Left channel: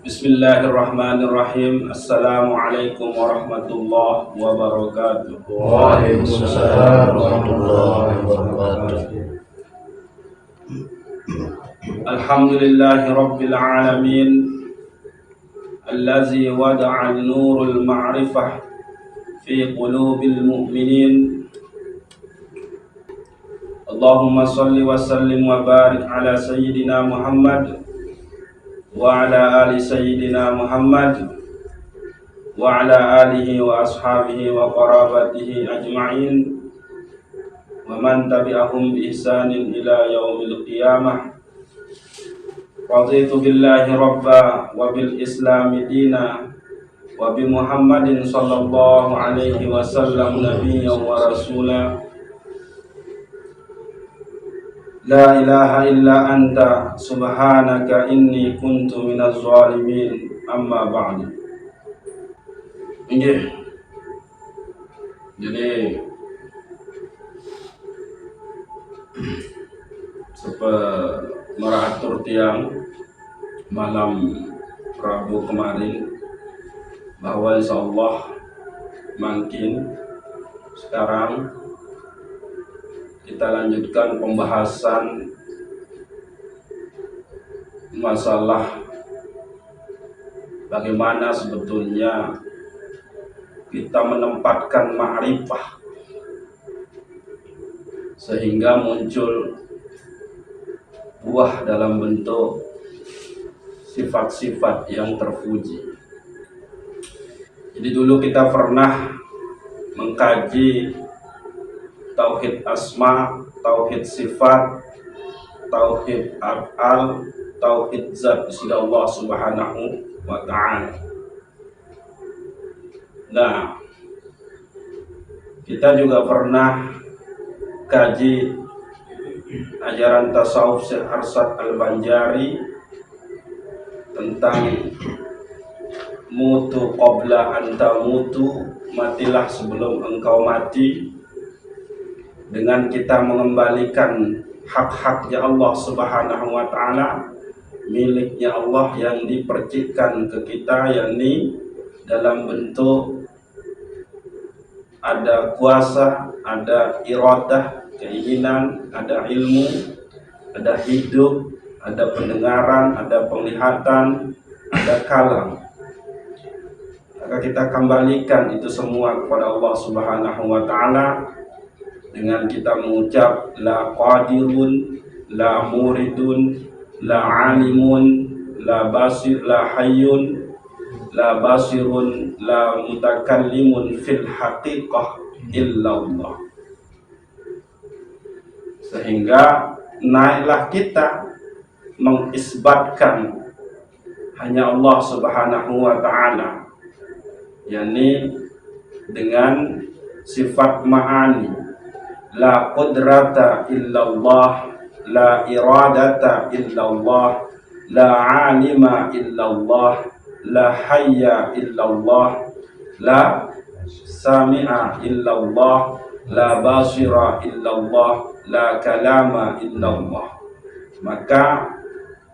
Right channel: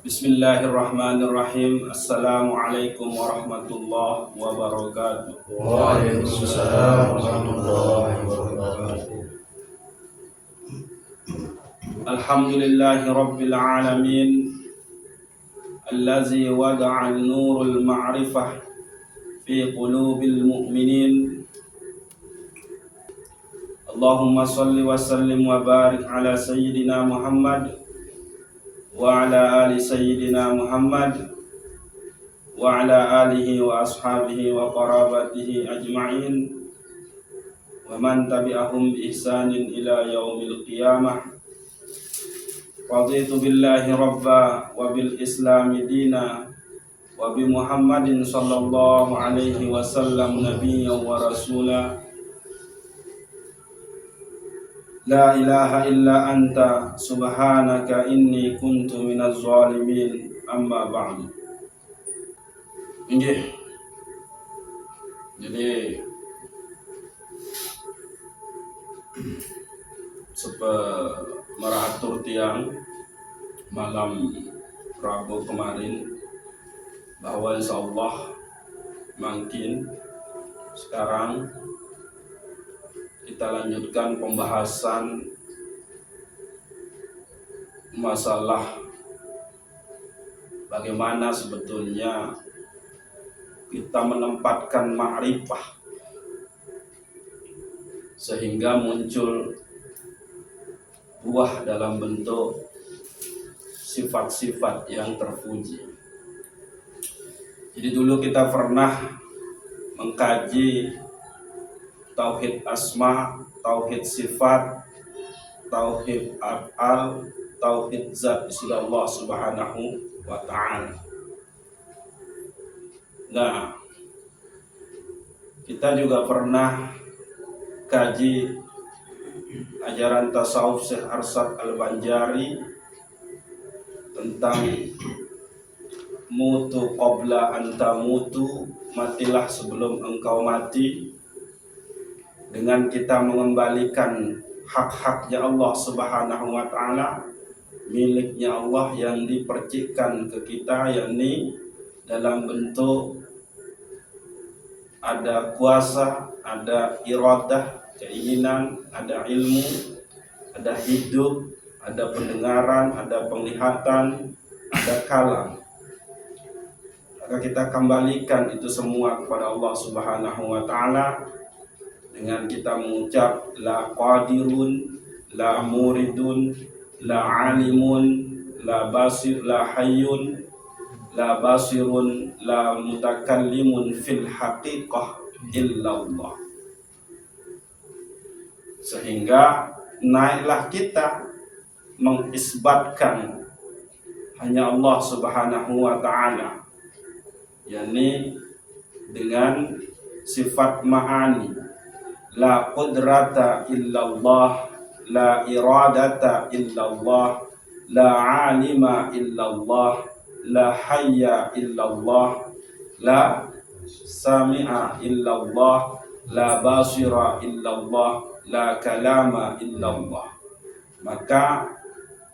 Bismillahirrahmanirrahim. Assalamualaikum warahmatullahi wabarakatuh. Waalaikumsalam warahmatullahi wabarakatuh. Alhamdulillahi rabbil alamin. Allazi wada'a an-nurul ma'rifah fi qulubil mu'minin. Allahumma salli wa sallim wa barik ala sayyidina Muhammad wa ala ali sayyidina Muhammad wa ala alihi wa ashabihi wa qarabatihi ajma'in wa man tabi'ahum bi ihsanin ila yaumil qiyamah. Raditu billahi rabba wa bil islami dina wa bi Muhammadin sallallahu alaihi wasallam nabiyyan wa rasula. La ilaha illa anta subhanaka inni kuntu minaz zalimin. Amma ba'du. Nggih. Jadi meratur tiang malam Rabu kemarin bahwa insyaallah makin sekarang kita lanjutkan pembahasan masalah bagaimana sebetulnya kita menempatkan ma'rifah sehingga muncul buah dalam bentuk sifat-sifat yang terpuji. Jadi dulu kita pernah mengkaji tauhid asma, tauhid sifat, tauhid af'al, tauhid zat sisi Allah Subhanahu wa ta'ala. Nah, kita juga pernah kaji ajaran tasawuf Syekh Arsad Al-Banjari tentang mutu qabla anta mutu, matilah sebelum engkau mati, dengan kita mengembalikan hak-haknya Allah Subhanahu wa ta'ala, miliknya Allah yang dipercikkan ke kita, yakni dalam bentuk ada kuasa, ada iradah, keinginan, ada ilmu, ada hidup, ada pendengaran, ada penglihatan, ada kalam. Maka kita kembalikan itu semua kepada Allah Subhanahu wa ta'ala dengan kita mengucap la qadirun, la muridun, la alimun, la basir, la hayyun, la basirun, la mutakallimun fil haqiqah illallah. Sehingga naiklah kita mengisbatkan hanya Allah Subhanahu wa ta'ala, yakni dengan sifat ma'ani, la qudrata illallah, la iradata illallah, la alima illallah, la hayya illallah, la sami'a illallah, la basira illallah, la kalama illallah. Maka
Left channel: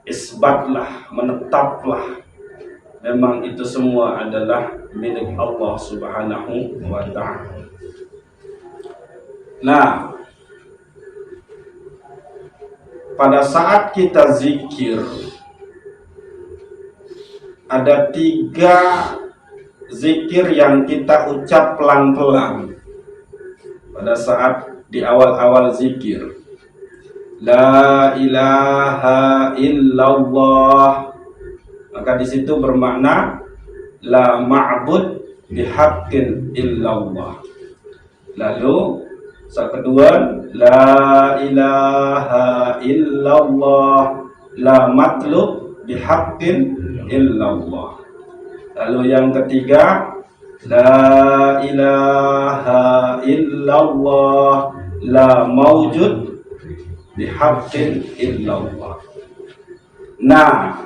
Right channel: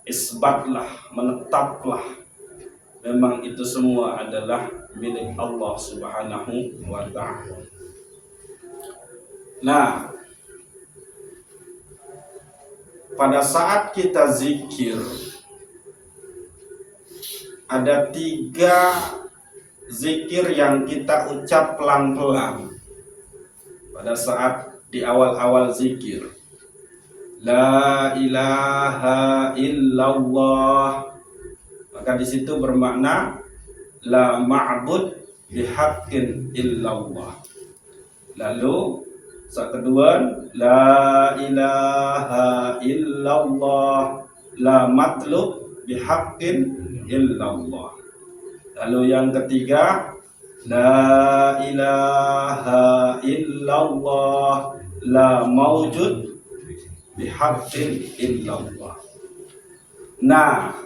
isbatlah, menetaplah memang itu semua adalah milik Allah Subhanahu wa ta'ala. Nah, pada saat kita zikir ada 3 zikir yang kita ucap pelan-pelan pada saat di awal-awal zikir. La ilaha illallah, maka di situ bermakna la ma'bud bihaqqin illallah. Lalu saat kedua, la ilaha illallah, la matlub bihaqqin illallah. Lalu yang ketiga, la ilaha illallah, la mawjud bihaqqin illallah. Nah,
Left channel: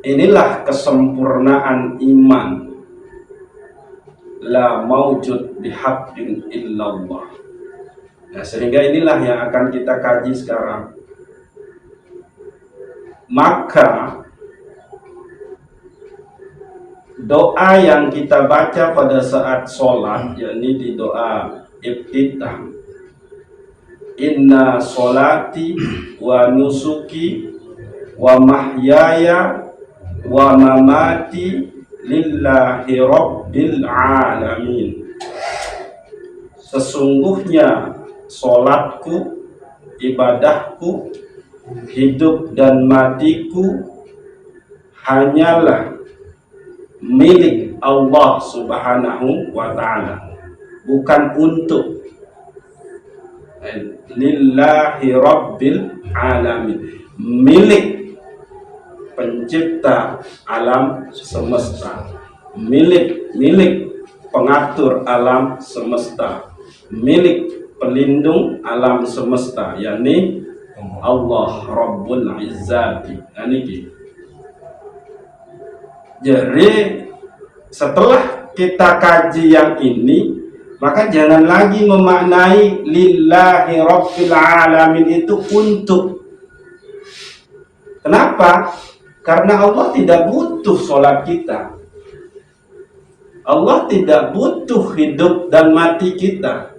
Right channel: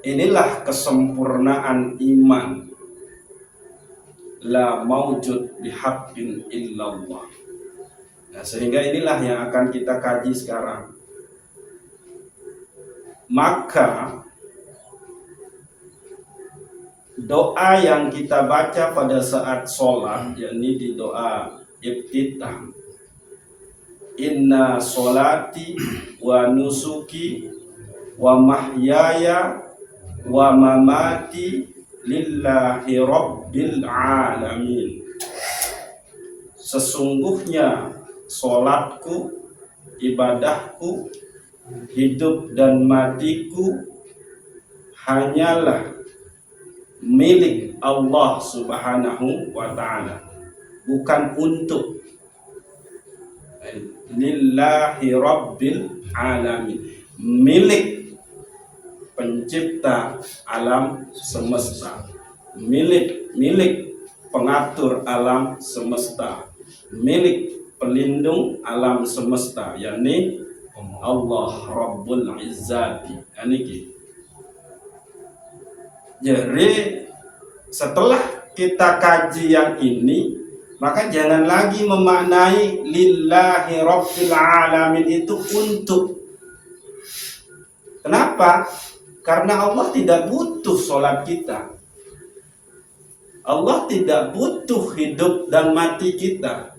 inilah kesempurnaan iman. La mawjud bihaqqin illallah. Nah, sehingga inilah yang akan kita kaji sekarang. Maka doa yang kita baca pada saat sholat, yakni di doa iftitah, inna sholati wa nusuki wa mahyaya wa mamati lillahi rabbil alamin. Sesungguhnya sholatku, ibadahku, hidup dan matiku hanyalah milik Allah Subhanahu wa ta'ala, bukan untuk, lillahi rabbil alamin, milik pencipta alam semesta, milik pengatur alam semesta, milik pelindung alam semesta, yakni Allah Rabbul Izzati. Jadi setelah kita kaji yang ini, maka jangan lagi memaknai lillahi rabbil alamin itu untuk. Kenapa? Karena Allah tidak butuh sholat kita. Allah tidak butuh hidup dan mati kita.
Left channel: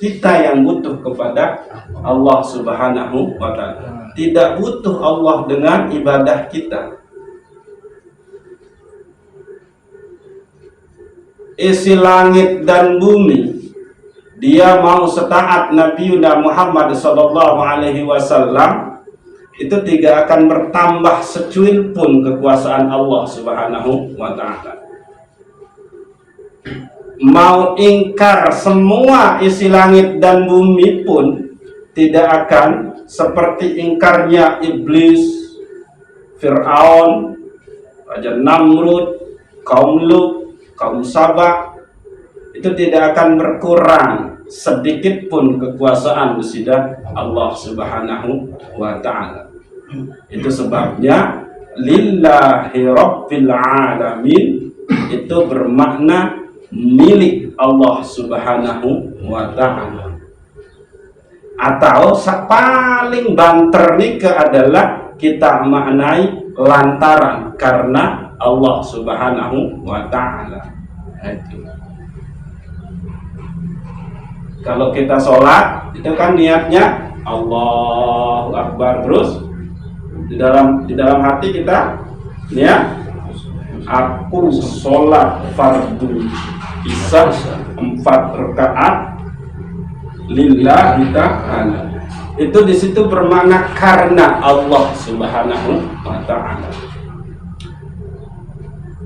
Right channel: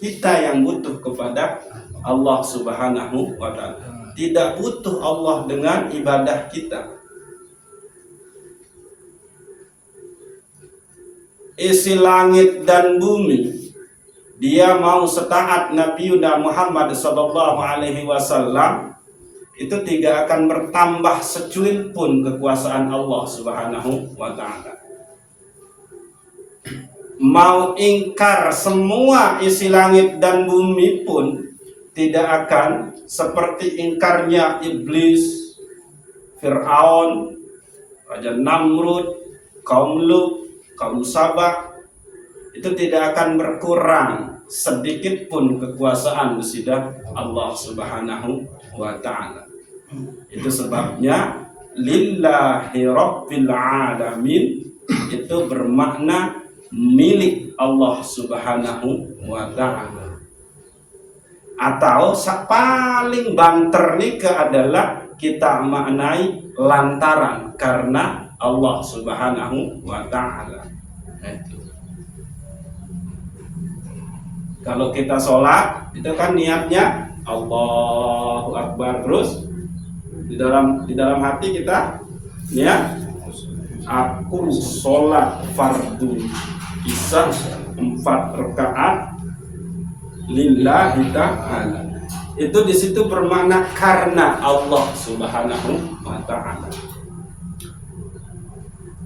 Kita yang butuh kepada Allah Subhanahu wa ta'ala. Tidak butuh Allah dengan ibadah kita. Isi langit dan bumi, dia mau setaat Nabi Muhammad sallallahu alaihi wasallam, itu tidak akan bertambah secuil pun kekuasaan Allah Subhanahu wa ta'ala. Mau ingkar semua isi langit dan bumi pun tidak akan seperti ingkarnya iblis, Fir'aun, Raja Namrud, kaum Lut, kaum Sabah. Itu tidak akan berkurang sedikit pun kekuasaan besidah Allah Subhanahu wa ta'ala. Itu sebabnya lillahi rabbil alamin itu bermakna milik Allah Subhanahu wa ta'ala. Atau paling banter nika adalah kita maknai lantaran karena Allah Subhanahu wa ta'ala. Itu. Kalau kita sholat itu kan niatnya Allahu Akbar, terus di dalam hati kita niat aku sholat fardu isya 4 rakaat lillahi ta'ala. Itu di situ bermakna karena Allah Subhanahu wa ta'ala.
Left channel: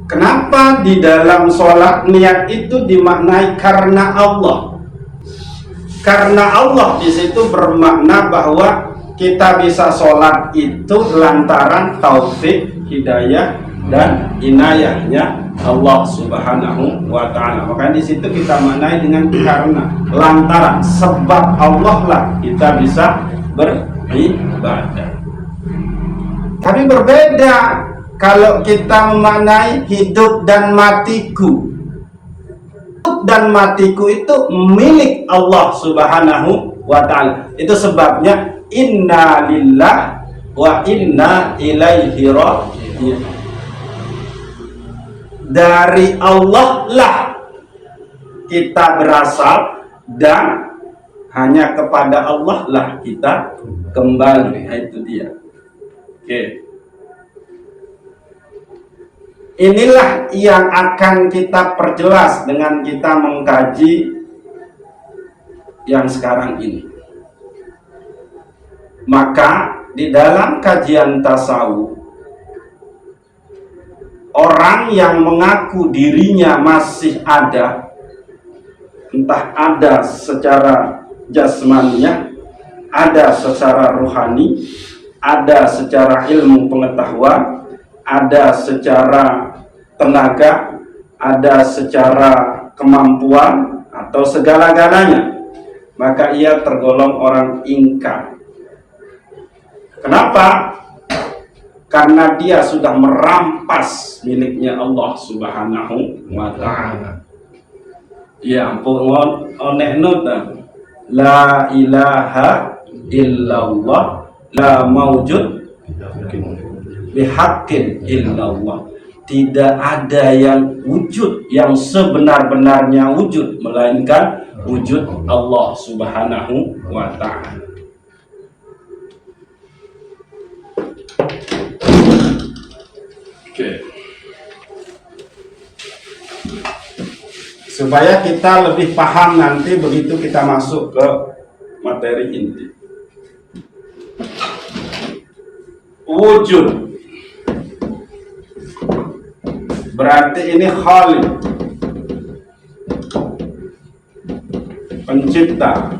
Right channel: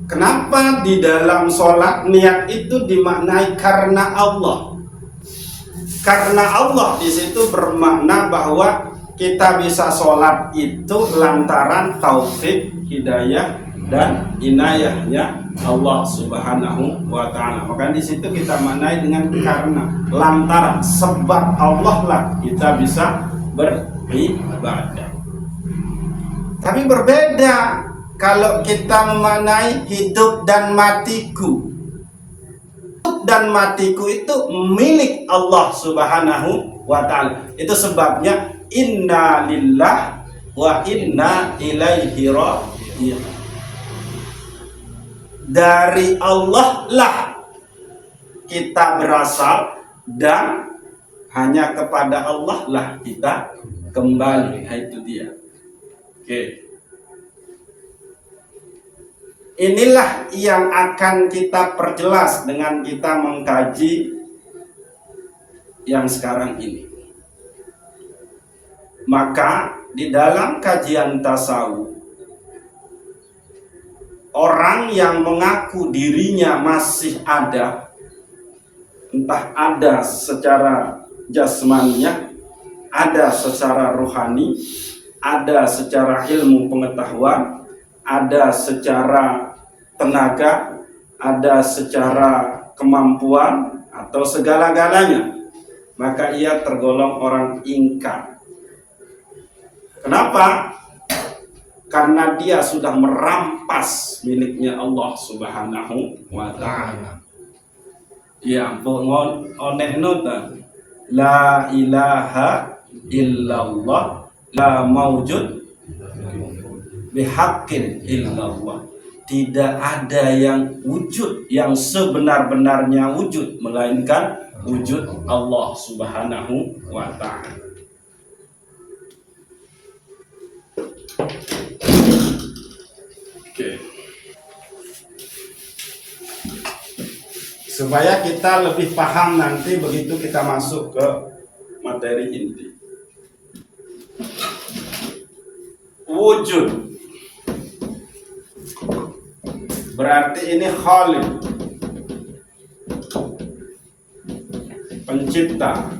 Kenapa di dalam sholat niat itu dimaknai karena Allah? Karena Allah di situ bermakna bahwa kita bisa sholat itu lantaran taufik, hidayah, dan inayahnya Allah Subhanahu wa ta'ala. Maka di situ kita maknai dengan karena, lantaran, sebab Allah lah kita bisa beribadah. Tapi berbeda kalau kita memaknai hidup dan matiku. Hidup dan matiku itu milik Allah Subhanahu wa ta'ala. Itu sebabnya inna lillah wa inna ilaihi raji'un. Dari Allah lah kita berasal dan hanya kepada Allah lah kita kembali. Itu dia. Oke. Inilah yang akan kita perjelas dengan kita mengkaji yang sekarang ini. Maka di dalam kajian tasawuf, orang yang mengaku dirinya masih ada, entah ada secara jasmaniah, ada secara rohani, ada secara ilmu pengetahuan, ada secara tenaga, ada secara kemampuan, atau segala-galanya, maka ia tergolong orang ingkar. Kenapa? Karena dia sudah merampas miliknya Allah Subhanahu wa ta'ala. Ya ampun, onek nota. La ilaha illallah, la mawjud bihaqqin illallah. tidak ada yang wujud yang sebenar-benarnya wujud melainkan wujud Allah Subhanahu wa ta'ala. Oke. Supaya kita lebih paham nanti begitu kita masuk ke materi inti. Wujud berarti ini Khaliq, pencipta.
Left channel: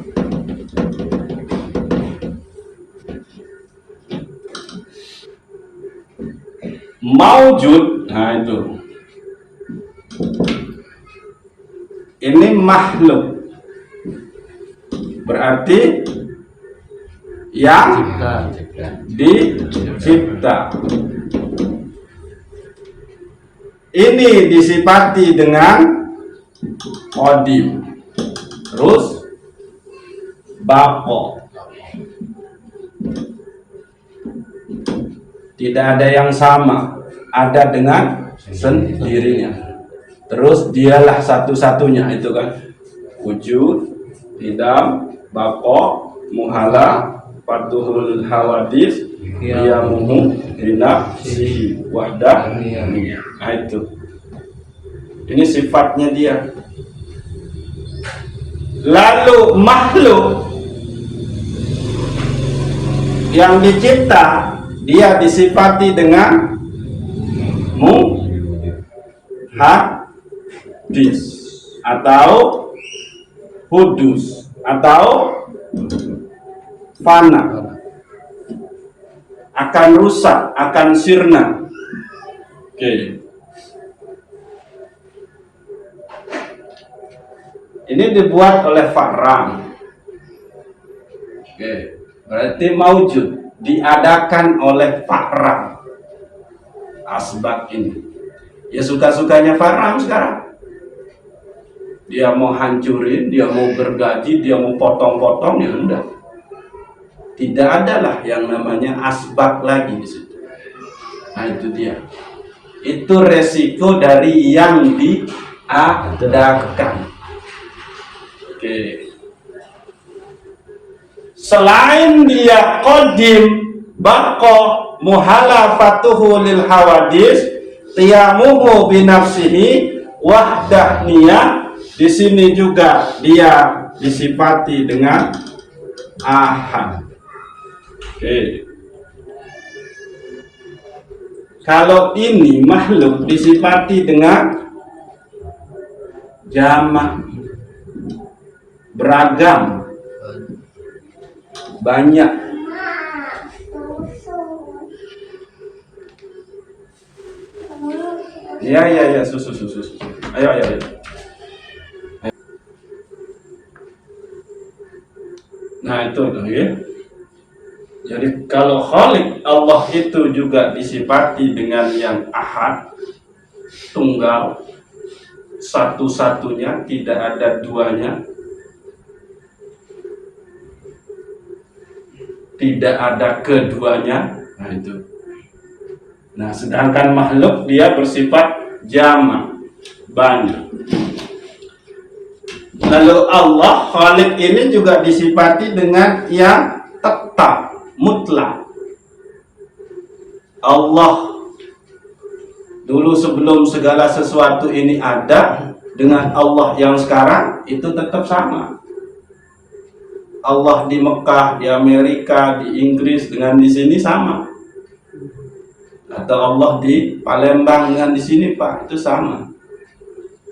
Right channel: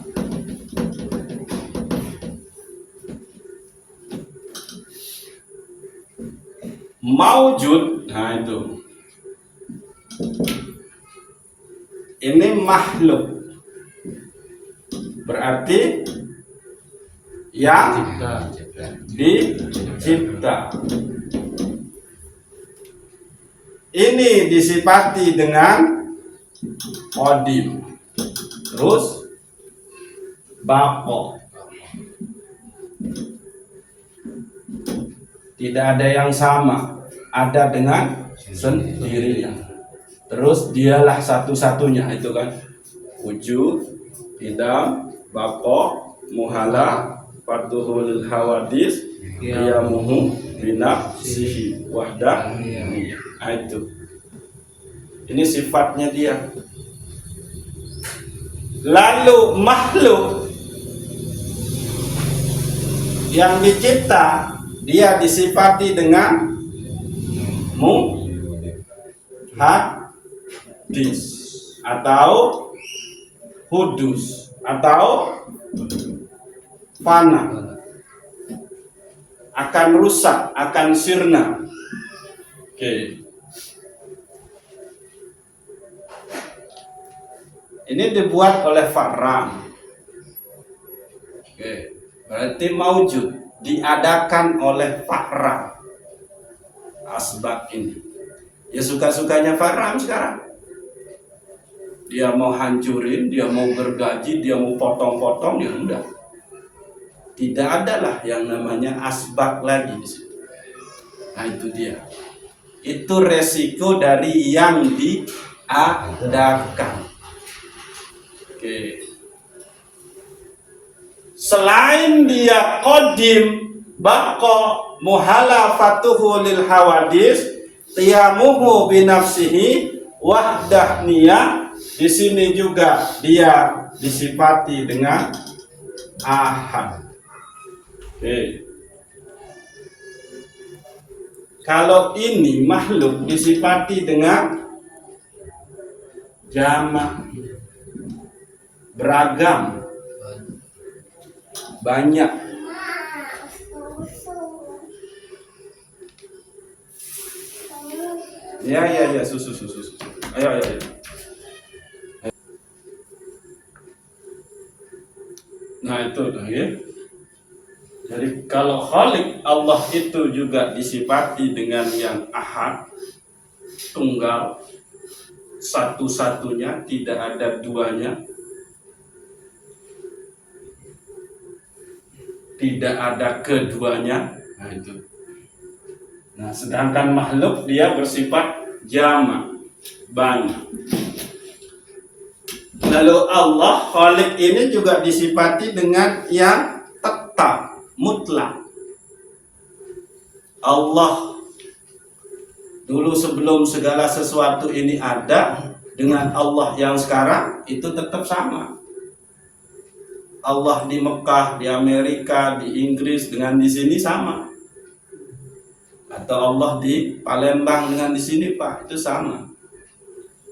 Maujud, nah itu. Ini makhluk. Berarti yang dicipta. Ini disifati dengan qadim. Terus baqo. Tidak ada yang sama, ada dengan sendirinya. Terus dialah satu-satunya, itu kan wujud, qidam, baqo, muhala, fatuhul hawadis, qiyamuhu binafsihi wahdah. Nah itu. Ini sifatnya dia. Lalu makhluk yang dicipta dia disifati dengan hadis atau hudus atau fana, akan rusak, akan sirna. Oke. Ini dibuat oleh Fahram. Oke. Berarti maujud diadakan oleh Fahram. Asbab ini. Ya suka-sukanya Fahram sekarang. Dia mau hancurin, dia mau gergaji, dia mau potong-potong, ya udah. Tidak adalah yang namanya asbab lagi di situ. Nah itu dia. Itu resiko dari yang diadakan. Oke. Selain dia qadim, baqo, muhalafatuhu lil hawadis, qiyamuhu binafsihi, wahdahniyah, di sini juga dia disifati dengan ahad. Oke. Kalau ini makhluk disifati dengan jamak, beragam, banyak. Ya, susu. Ayo. Nah itu tuh ya. Jadi kalau Khaliq Allah itu juga disifati dengan yang ahad, tunggal, satu-satunya, tidak ada duanya, tidak ada keduanya. Nah itu. Nah sedangkan makhluk dia bersifat jamak, banyak. Lalu Allah Khaliq ini juga disifati dengan yang tetap, mutlak. Allah dulu sebelum segala sesuatu ini ada dengan Allah yang sekarang itu tetap sama. Allah di Mekah, di Amerika, di Inggris dengan di sini sama. Atau Allah di Palembang dengan di sini Pak, itu sama.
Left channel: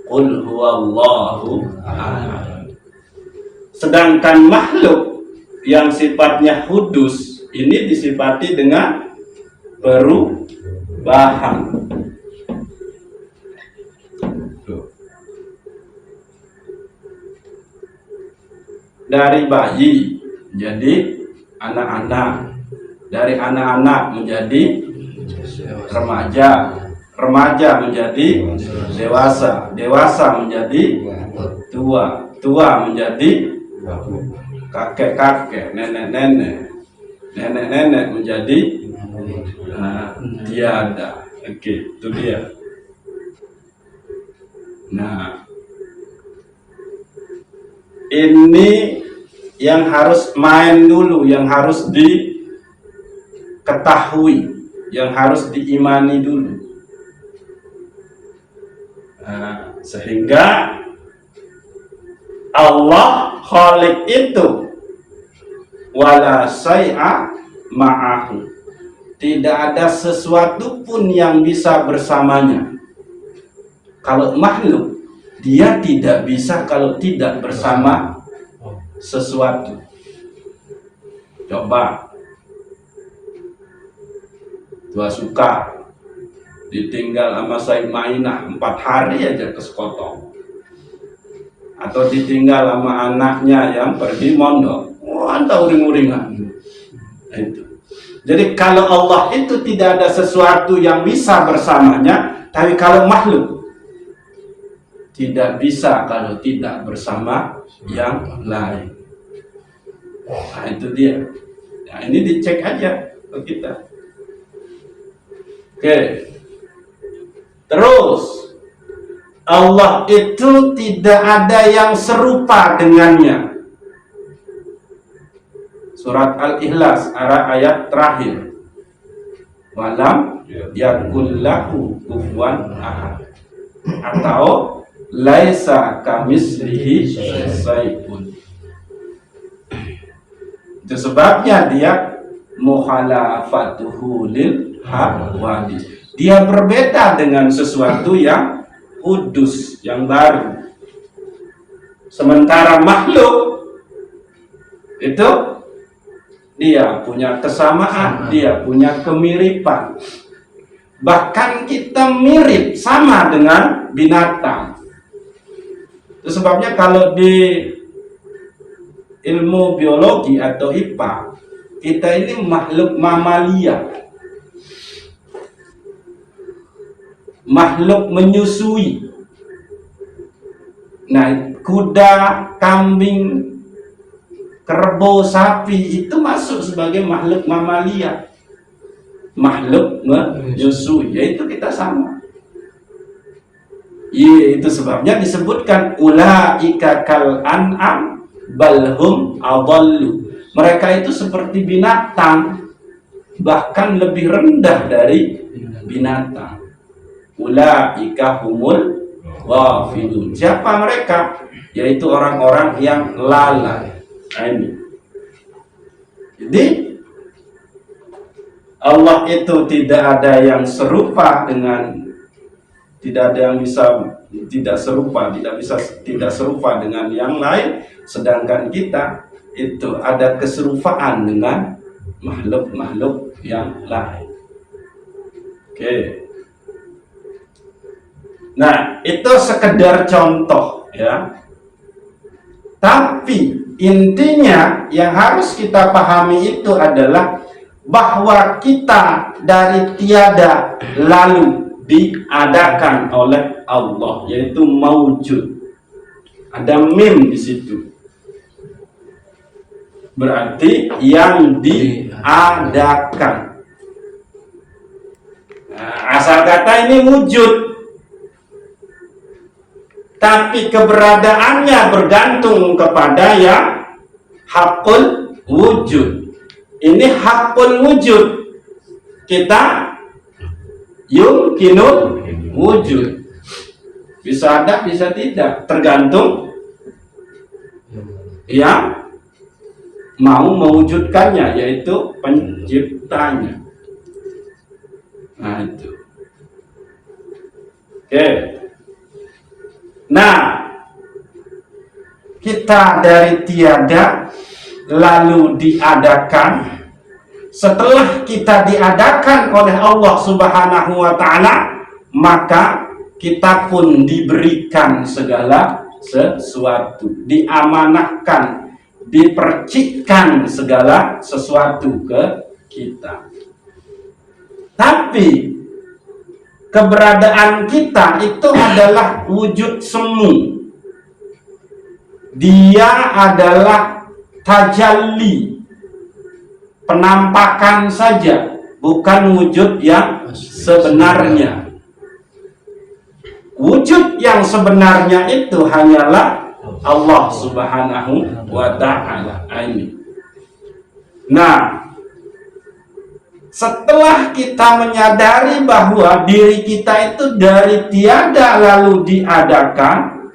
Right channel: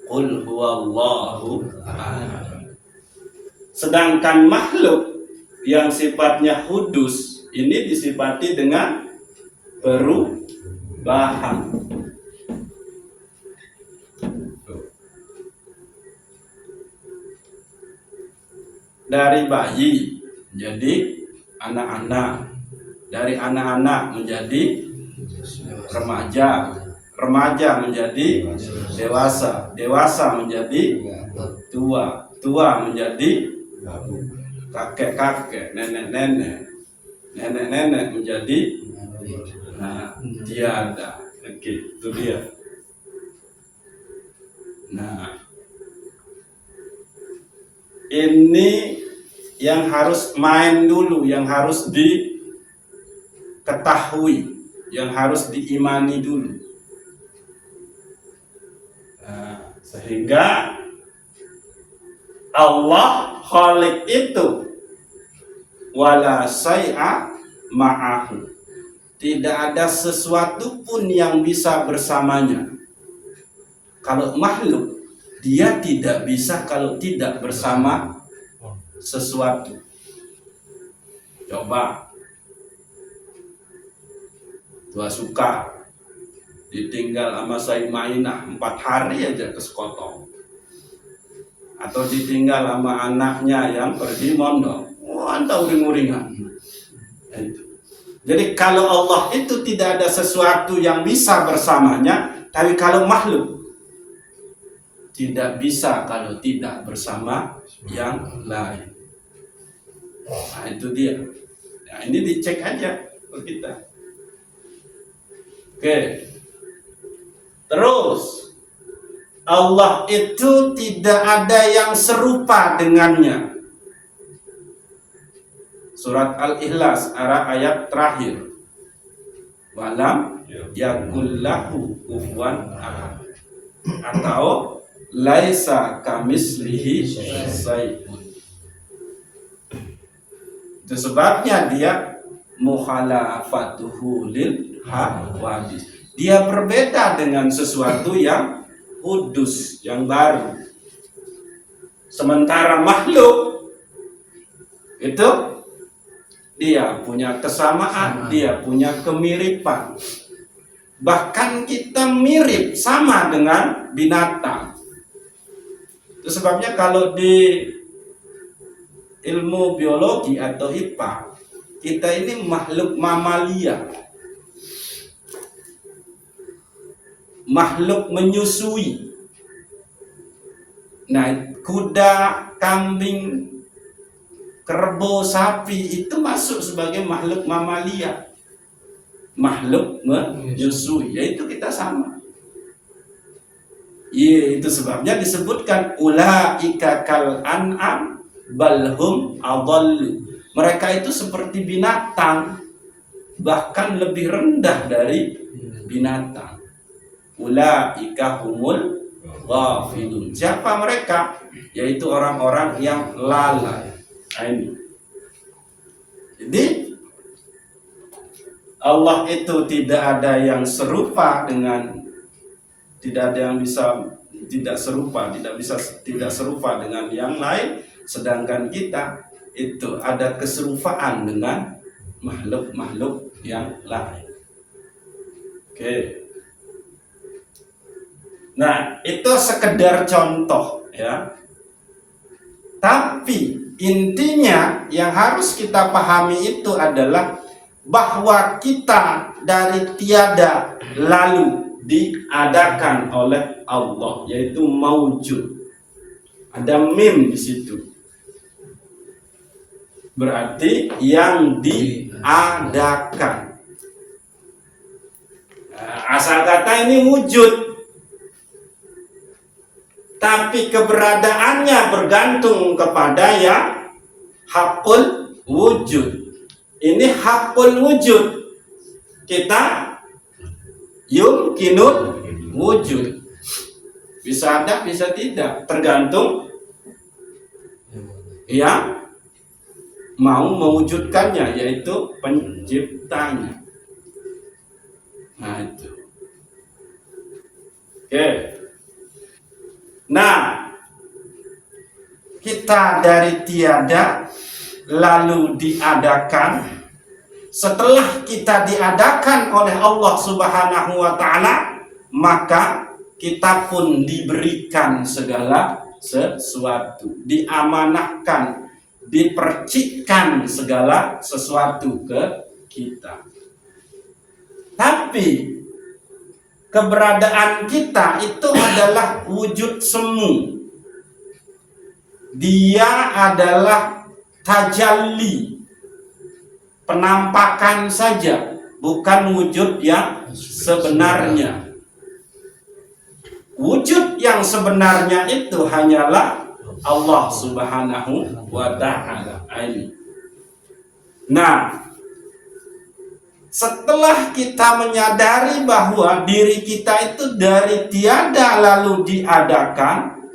Qul huwallahu ahad. Sedangkan makhluk yang sifatnya hudus ini disifati dengan perubahan. Dari bayi menjadi anak-anak, dari anak-anak menjadi remaja, remaja menjadi dewasa, dewasa menjadi tua, tua menjadi kakek-kakek, nenek-nenek, nenek-nenek menjadi tiada. Oke, itu dia. Nah, ini yang harus main dulu, yang harus diketahui, yang harus diimani dulu. Nah, sehingga Allah Khaliq itu wala syai'a ma'ahu, tidak ada sesuatu pun yang bisa bersamanya. Kalau makhluk, dia tidak bisa kalau tidak bersama sesuatu. Coba Tua Suka ditinggal sama Said Mainah 4 hari aja ke sekotong, atau ditinggal sama anaknya yang pergi mondok, entah uring-uringan. Itu. Jadi kalau Allah itu tidak ada sesuatu yang bisa bersamanya, tapi kalau makhluk tidak bisa kalau tidak bersama yang lain. Nah itu dia. Nah ini dicek aja ke kita. Oke. Terus Allah itu tidak ada yang serupa dengannya. Surat Al-Ikhlas ayat terakhir. Walam yakul lahu kufuwan ahad. Atau laisa kamislihi syai'un. Itu sebabnya dia mukhalafatuhu lil hawadi. Dia berbeda dengan sesuatu yang kudus, yang baru. Sementara makhluk itu dia punya kesamaan, dia punya kemiripan. Bahkan kita mirip sama dengan binatang. Itu sebabnya kalau di ilmu biologi atau IPA, kita ini makhluk mamalia, makhluk menyusui. Nah, kuda, kambing, kerbau, sapi itu masuk sebagai makhluk mamalia, makhluk menyusui, yaitu kita sama. Itu sebabnya disebutkan ulaika kal an'am balhum adallu. Mereka itu seperti binatang, bahkan lebih rendah dari binatang. Ulaika humul ghafilun. Siapa mereka? Yaitu orang-orang yang lalai. Nah, ini. Jadi Allah itu tidak ada yang serupa dengan, tidak ada yang bisa tidak serupa, tidak serupa dengan yang lain, sedangkan kita itu ada keserupaan dengan makhluk-makhluk yang lain. Oke. Nah, itu sekedar contoh ya. Tapi intinya yang harus kita pahami itu adalah bahwa kita dari tiada lalu diadakan oleh Allah, yaitu maujud. Ada mim di situ. Berarti yang diadakan. Nah, asal kata ini wujud. Tapi keberadaannya bergantung kepada yang hakul wujud. Ini hakul wujud. Kita yumkinul wujud. Bisa ada, bisa tidak, tergantung yang mau mewujudkannya, yaitu penciptanya. Nah itu. Oke. Nah, kita dari tiada lalu diadakan. Setelah kita diadakan oleh Allah Subhanahu wa Ta'ala, maka kita pun diberikan segala sesuatu, diamanahkan, dipercikkan segala sesuatu ke kita. Tapi keberadaan kita itu adalah wujud semu. Dia adalah tajalli, penampakan saja, bukan wujud yang sebenarnya. wujud yang sebenarnya itu hanyalah Allah Subhanahu wa ta'ala. Nah, setelah kita menyadari bahwa diri kita itu dari tiada lalu diadakan,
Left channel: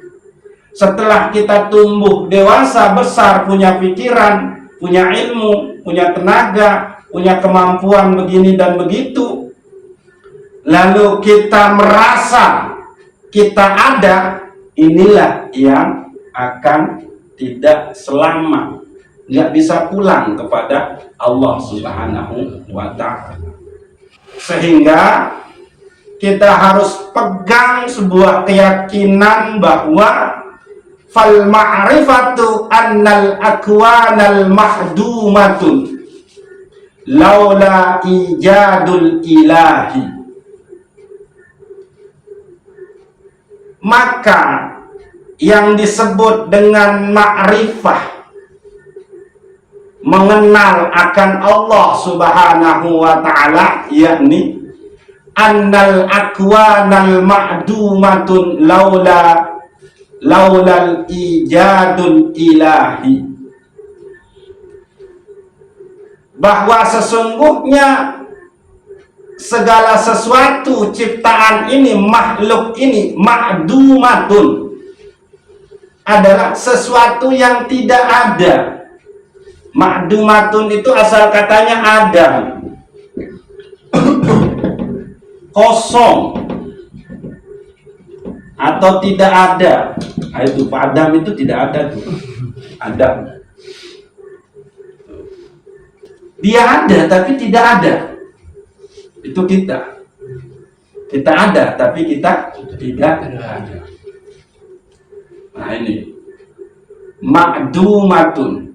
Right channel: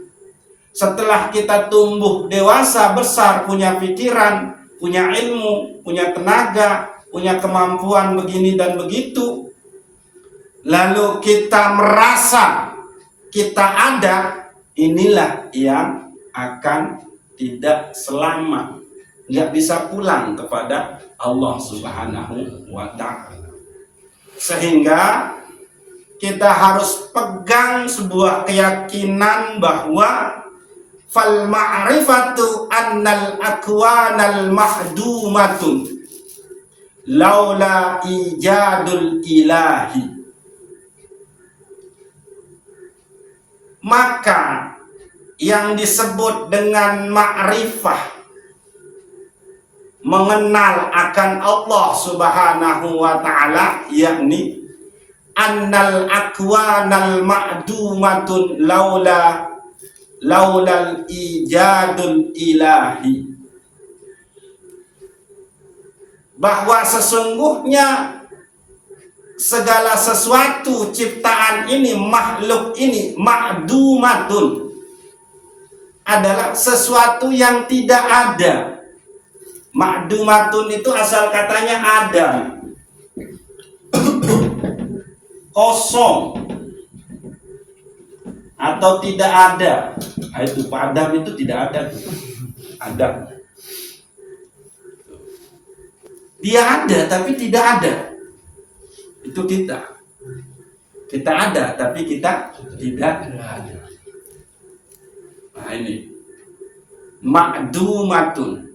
setelah kita tumbuh dewasa besar, punya pikiran, punya ilmu, punya tenaga, punya kemampuan begini dan begitu, lalu kita merasa kita ada, inilah yang akan tidak selamat, nggak bisa pulang kepada Allah Subhanahu wa ta'ala. Sehingga kita harus pegang sebuah keyakinan bahwa fal ma'rifatu annal akwanal mahdumatun laula ijadul ilahi. Maka yang disebut dengan ma'rifah, mengenal akan Allah Subhanahu wa ta'ala, yakni annal akwanal ma'dumatun laulal ijadul ilahi, bahwa sesungguhnya segala sesuatu ciptaan ini, makhluk ini, ma'dumatun, adalah sesuatu yang tidak ada. Ma'dumatun itu asal katanya ada, kosong atau tidak ada. Nah, itu padam itu tidak ada, ada. Dia ada tapi tidak ada. Itu kita. Kita ada tapi kita tidak ada. Nah ini ma'dumatun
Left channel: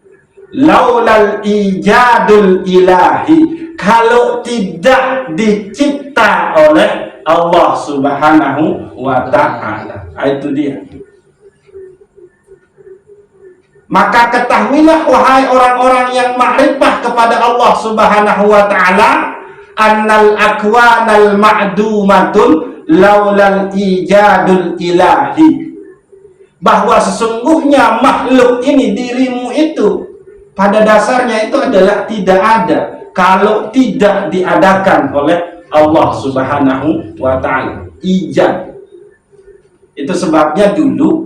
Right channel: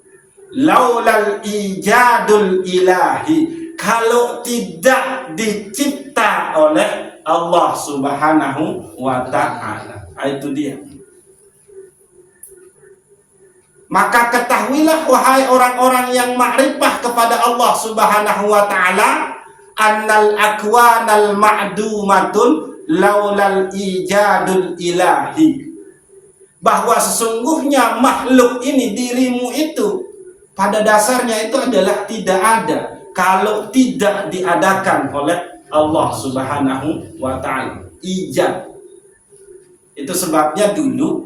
laulal ijadul ilahi, kalau tidak dicipta oleh Allah Subhanahu wa ta'ala. Itu dia. Maka ketahuilah wahai orang-orang yang ma'rifah kepada Allah Subhanahu wa ta'ala, annal akwanal ma'dumatun laulal ijadul ilahi, bahwa sesungguhnya makhluk ini, dirimu itu, pada dasarnya itu adalah tidak ada kalau tidak diadakan oleh Allah Subhanahu wa ta'ala. Ijad. Itu sebabnya dulu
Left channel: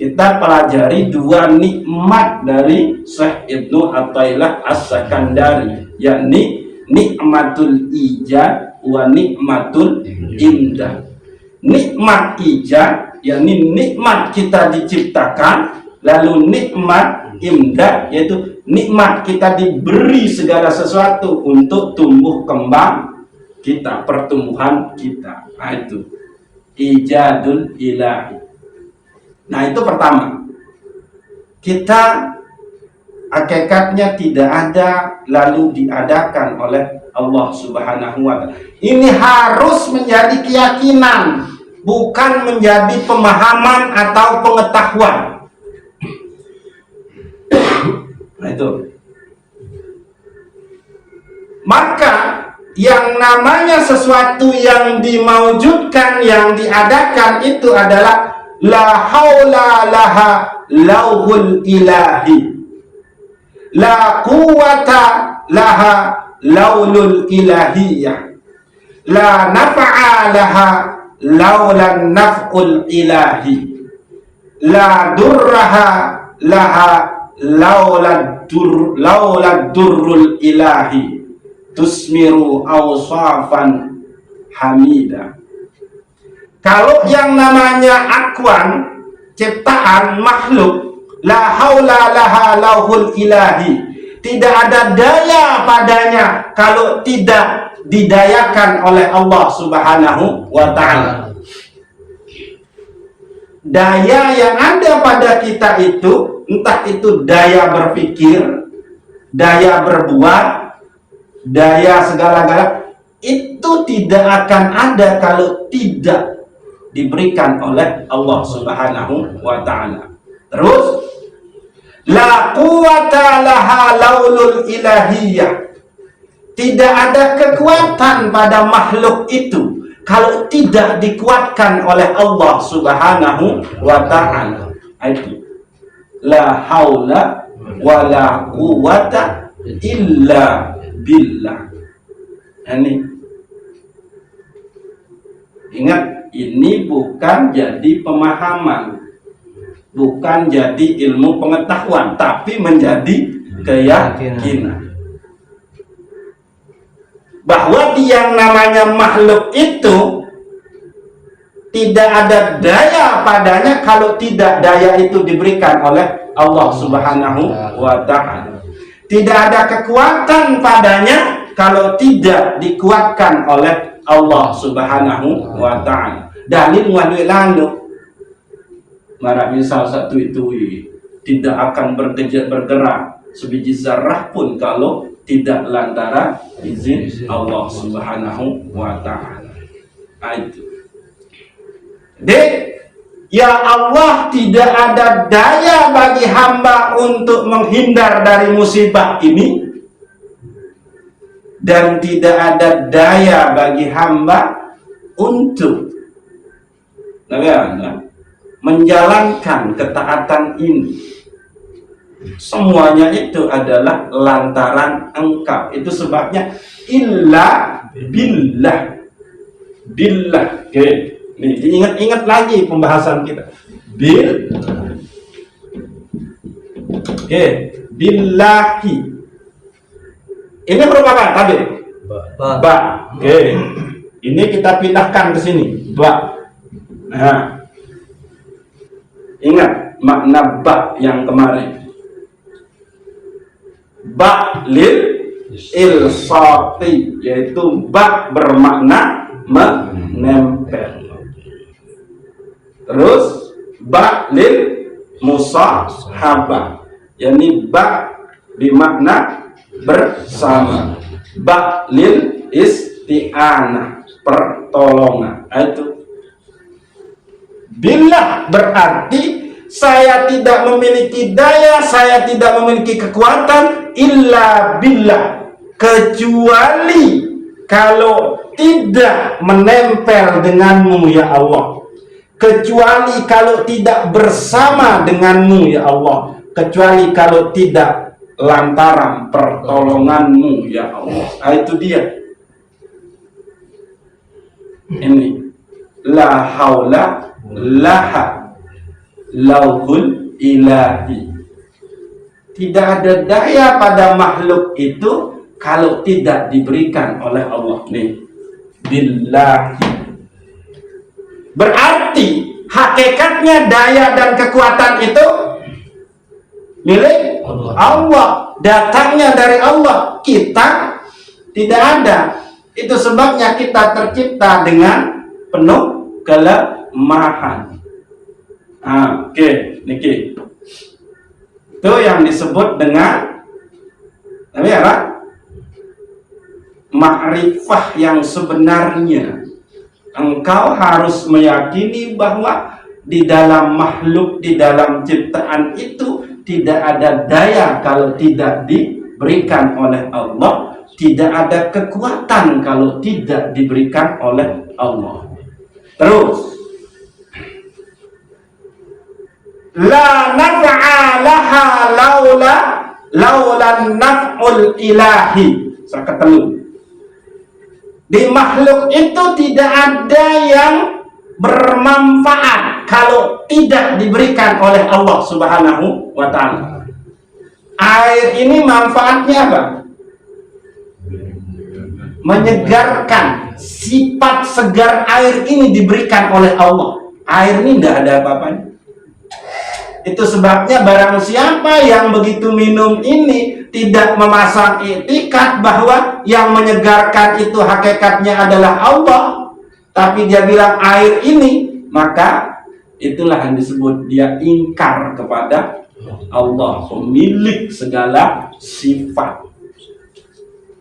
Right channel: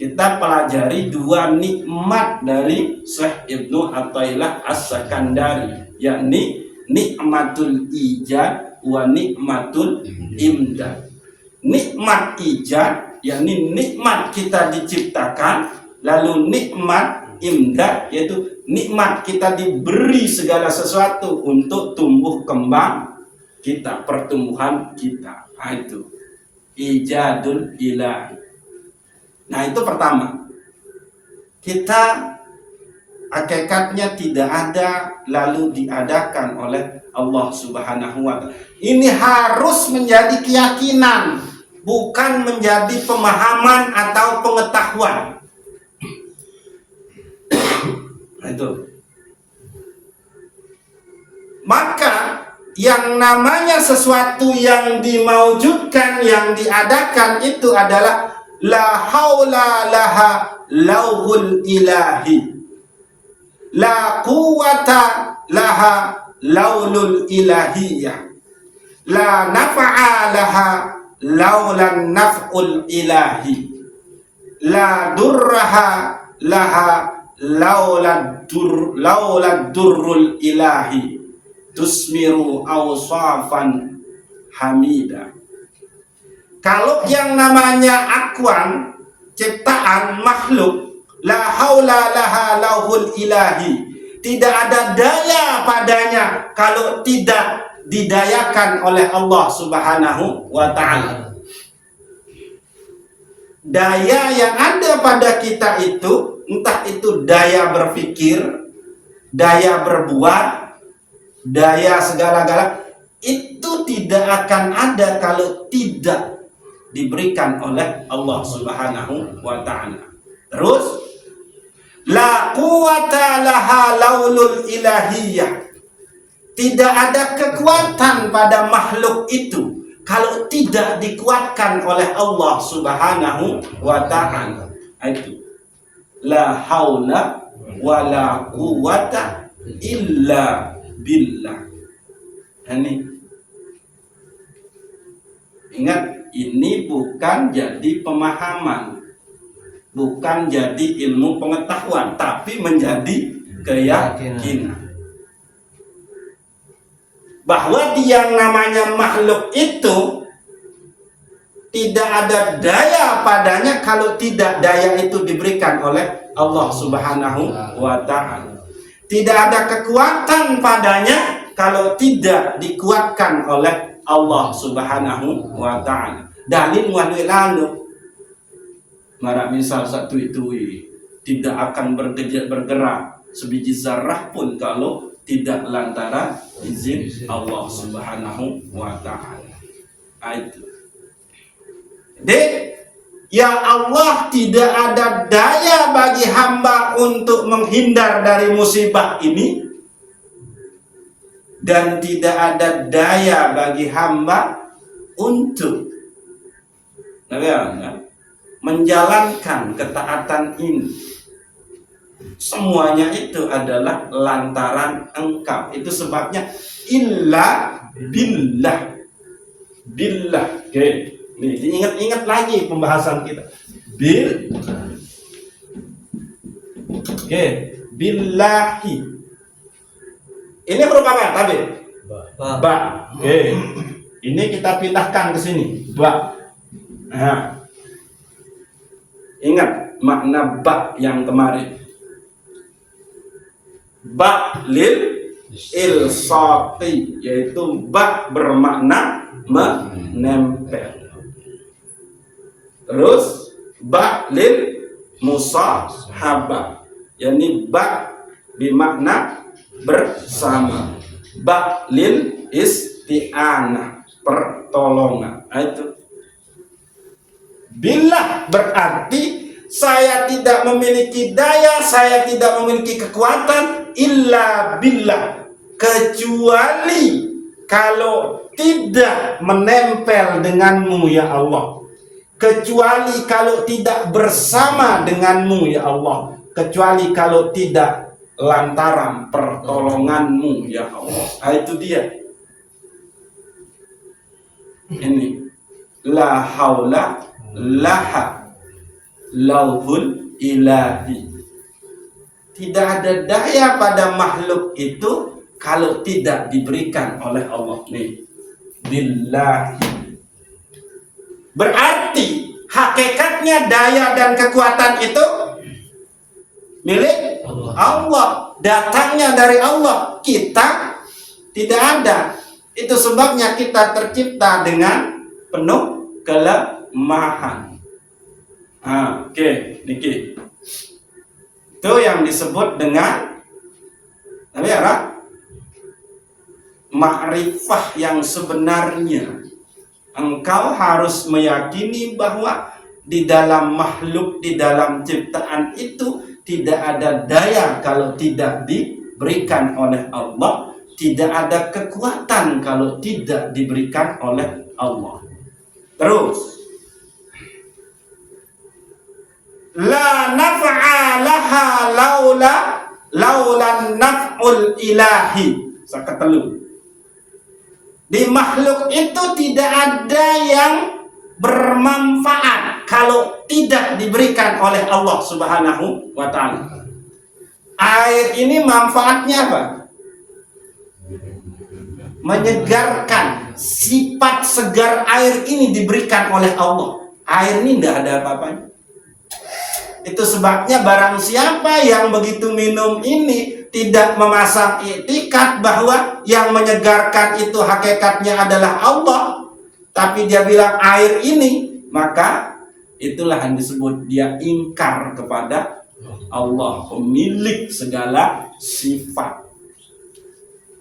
kita pelajari dua nikmat dari Syekh Ibnu Athaillah As-Sakandari, yakni nikmatul ijad wa nikmatul imdad. Nikmat ijad, yakni nikmat kita diciptakan, lalu nikmat imdad, yaitu nikmat kita diberi segala sesuatu untuk tumbuh kembang kita, pertumbuhan kita. Nah, itu ijadul ilahi. Nah, itu pertama. Kita hakikatnya tidak ada lalu diadakan oleh Allah Subhanahu wa ta'ala. Ini harus menjadi keyakinan, bukan menjadi pemahaman atau pengetahuan. Nah, itu. Maka yang namanya sesuatu yang dimaujudkan, yang diadakan, itu adalah la haula laha lauhul ilahi, la quwata laha laulul ilahiyah, la naf'a laha laulan naf'ul ilahi, la durraha laha laulad durrul ilahi, tusmiru awsafan hamida. Kalau yang namanya akwan, ciptaan makhluk, la haula laha lauhul ilahi, tidak ada daya padanya kalau tidak didayakan oleh Allah Subhanahu wa ta'ala. Daya yang ada pada kita itu, entah itu daya berpikir, daya berbuat, daya segala-gala, itu tidak akan ada kalau tidak diberikan oleh Allah Subhanahu wa ta'ala. Terus, la quwata laha laulul ilahiyah, tidak ada kekuatan pada makhluk itu kalau tidak dikuatkan oleh Allah Subhanahu wa ta'ala. Itu la haula wala quwata illa billah. Ini ingat, ini bukan jadi pemahaman, bukan jadi ilmu pengetahuan, tapi menjadi keyakinan bahwa yang namanya makhluk itu tidak ada daya padanya kalau tidak daya itu diberikan oleh Allah Subhanahu wa ta'ala. Tidak ada kekuatan padanya kalau tidak dikuatkan oleh Allah Subhanahu wa ta'ala. Dalil walui landu marah misal satu itu tidak akan bergerak sebiji zarah pun kalau tidak lantaran izin Allah Subhanahu wa ta'ala. Itu. Dek, ya Allah, tidak ada daya bagi hamba untuk menghindar dari musibah ini, dan tidak ada daya bagi hamba untuk menjalankan ketaatan ini. Semuanya itu adalah lantaran Engkau. Itu sebabnya illa billah. Billah. Oke. Nih, diingat-ingat lagi pembahasan kita. Oke, billahi. Ini huruf apa? Tadi? Ba. Oke. Ini kita pindahkan ke sini. Ba. Nah. Ingat makna ba yang kemarin. Ba lil ilsaqi, yaitu ba bermakna menempel. Terus ba lil musahabah, yakni ba bermakna bersama. Ba lil isti'anah, pertolongan. Itu billah berarti saya tidak memiliki daya, saya tidak memiliki kekuatan illa billah, kecuali kalau tidak menempel denganmu ya Allah, kecuali kalau tidak bersama denganmu ya Allah, kecuali kalau tidak lantaran pertolonganmu ya Allah. Itu dia. Ini la haula laha lauhul ilahi. Tidak ada daya pada makhluk itu kalau tidak diberikan oleh Allah. Nih, billahi. Berarti hakikatnya daya dan kekuatan itu milik Allah. Datangnya dari Allah. Kita tidak ada. Itu sebabnya kita tercipta dengan penuh kelemahan. Oke, niki. Itu yang disebut dengan ma'rifah yang sebenarnya. Engkau harus meyakini bahwa di dalam makhluk, di dalam ciptaan itu tidak ada daya kalau tidak diberikan oleh Allah, tidak ada kekuatan kalau tidak diberikan oleh Allah. Terus la naf'a laha laula naf'ul ilahi. Saya ketelu. Di makhluk itu tidak ada yang bermanfaat kalau tidak diberikan oleh Allah Subhanahu wa ta'ala. Air ini manfaatnya apa? Menyegarkan. Sifat segar air ini diberikan oleh Allah. Air ini tidak ada apa-apanya. Itu sebabnya barang siapa yang begitu minum ini tidak memasang i'tikad bahwa yang menyegarkan itu hakikatnya adalah Allah, tapi dia bilang air ini, maka itulah yang disebut dia ingkar kepada Allah, pemilik segala sifat.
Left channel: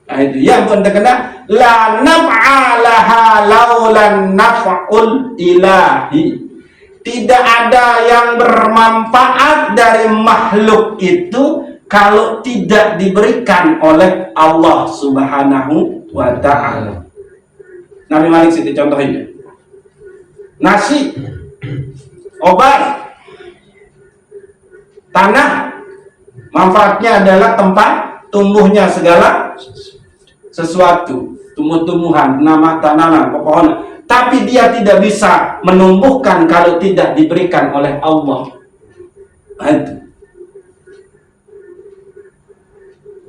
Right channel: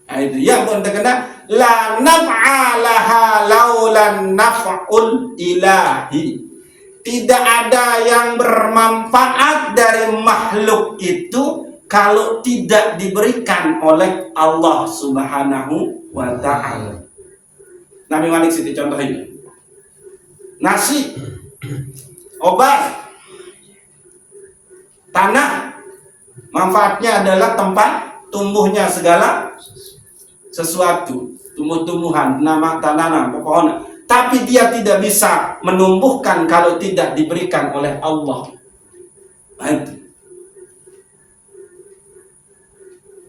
Nah, itu yang pun terkena la naf'a laha laulan naf'ul ilahi. Tidak ada yang bermanfaat dari makhluk itu kalau tidak diberikan oleh Allah Subhanahu wa ta'ala. Nabi Malik Siti contohnya. Nasi, obat, tanah, manfaatnya adalah tempat tumbuhnya segala sesuatu, tumbuh-tumbuhan, tanaman, pepohonan. Tapi dia tidak bisa menumbuhkan kalau tidak diberikan oleh Allah. Itu.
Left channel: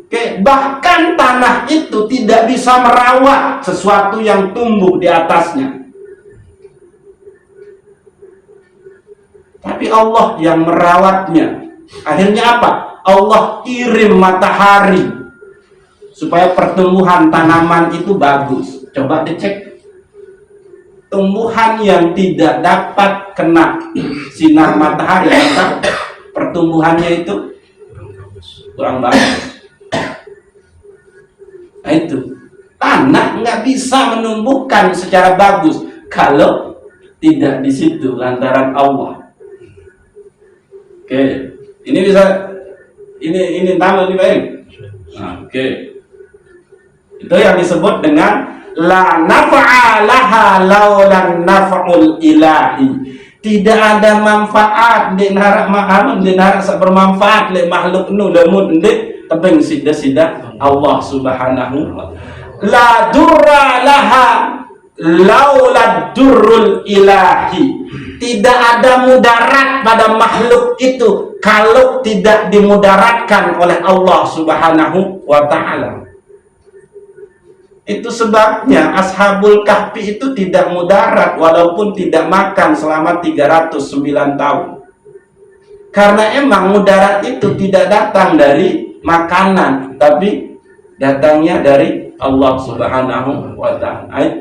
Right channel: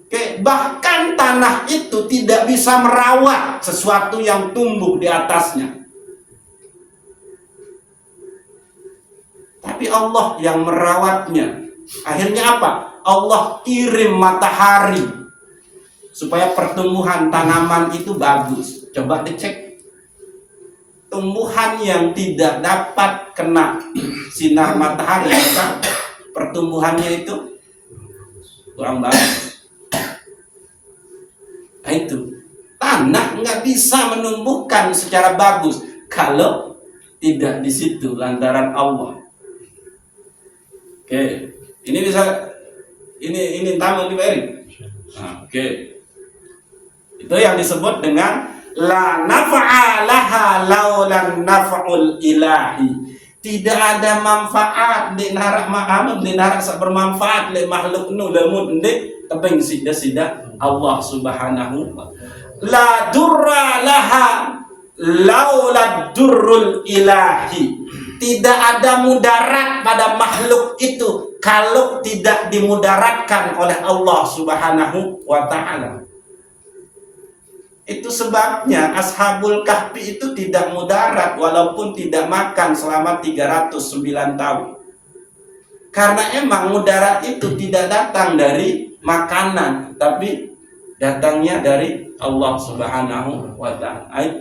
Oke, bahkan tanah itu tidak bisa merawat sesuatu yang tumbuh di atasnya. Tapi Allah yang merawatnya. Akhirnya apa? Allah kirim matahari supaya pertumbuhan tanaman itu bagus. Coba dicek. Tumbuhan yang tidak dapat kena sinar matahari, maka pertumbuhannya itu kurang bagus. Nah itu, tanah nggak bisa menumbuhkan secara bagus kalau tidak di situ lantaran Allah. Oke, ini bisa, ini tamu nih Pak Erik. Oke, itu yang disebut dengan la nafa'a laha laulan naf'ul ilahi. Tidak ada manfaat di narak bermanfaat le makhluk nu lamun ndek tebing sida-sida Allah Subhanahu wa ta'ala. La durra laha laula durrul ilahi. Tidak ada mudarat pada makhluk itu kalau tidak dimudaratkan oleh Allah Subhanahu wa ta'ala. Itu sebabnya Ashabul Kahfi itu tidak mudarat walaupun tidak makan selama 309 tahun. Karena emang mudarat itu tidak datang dari makanan, tapi datangnya dari Allah Subhanahu wa ta'ala.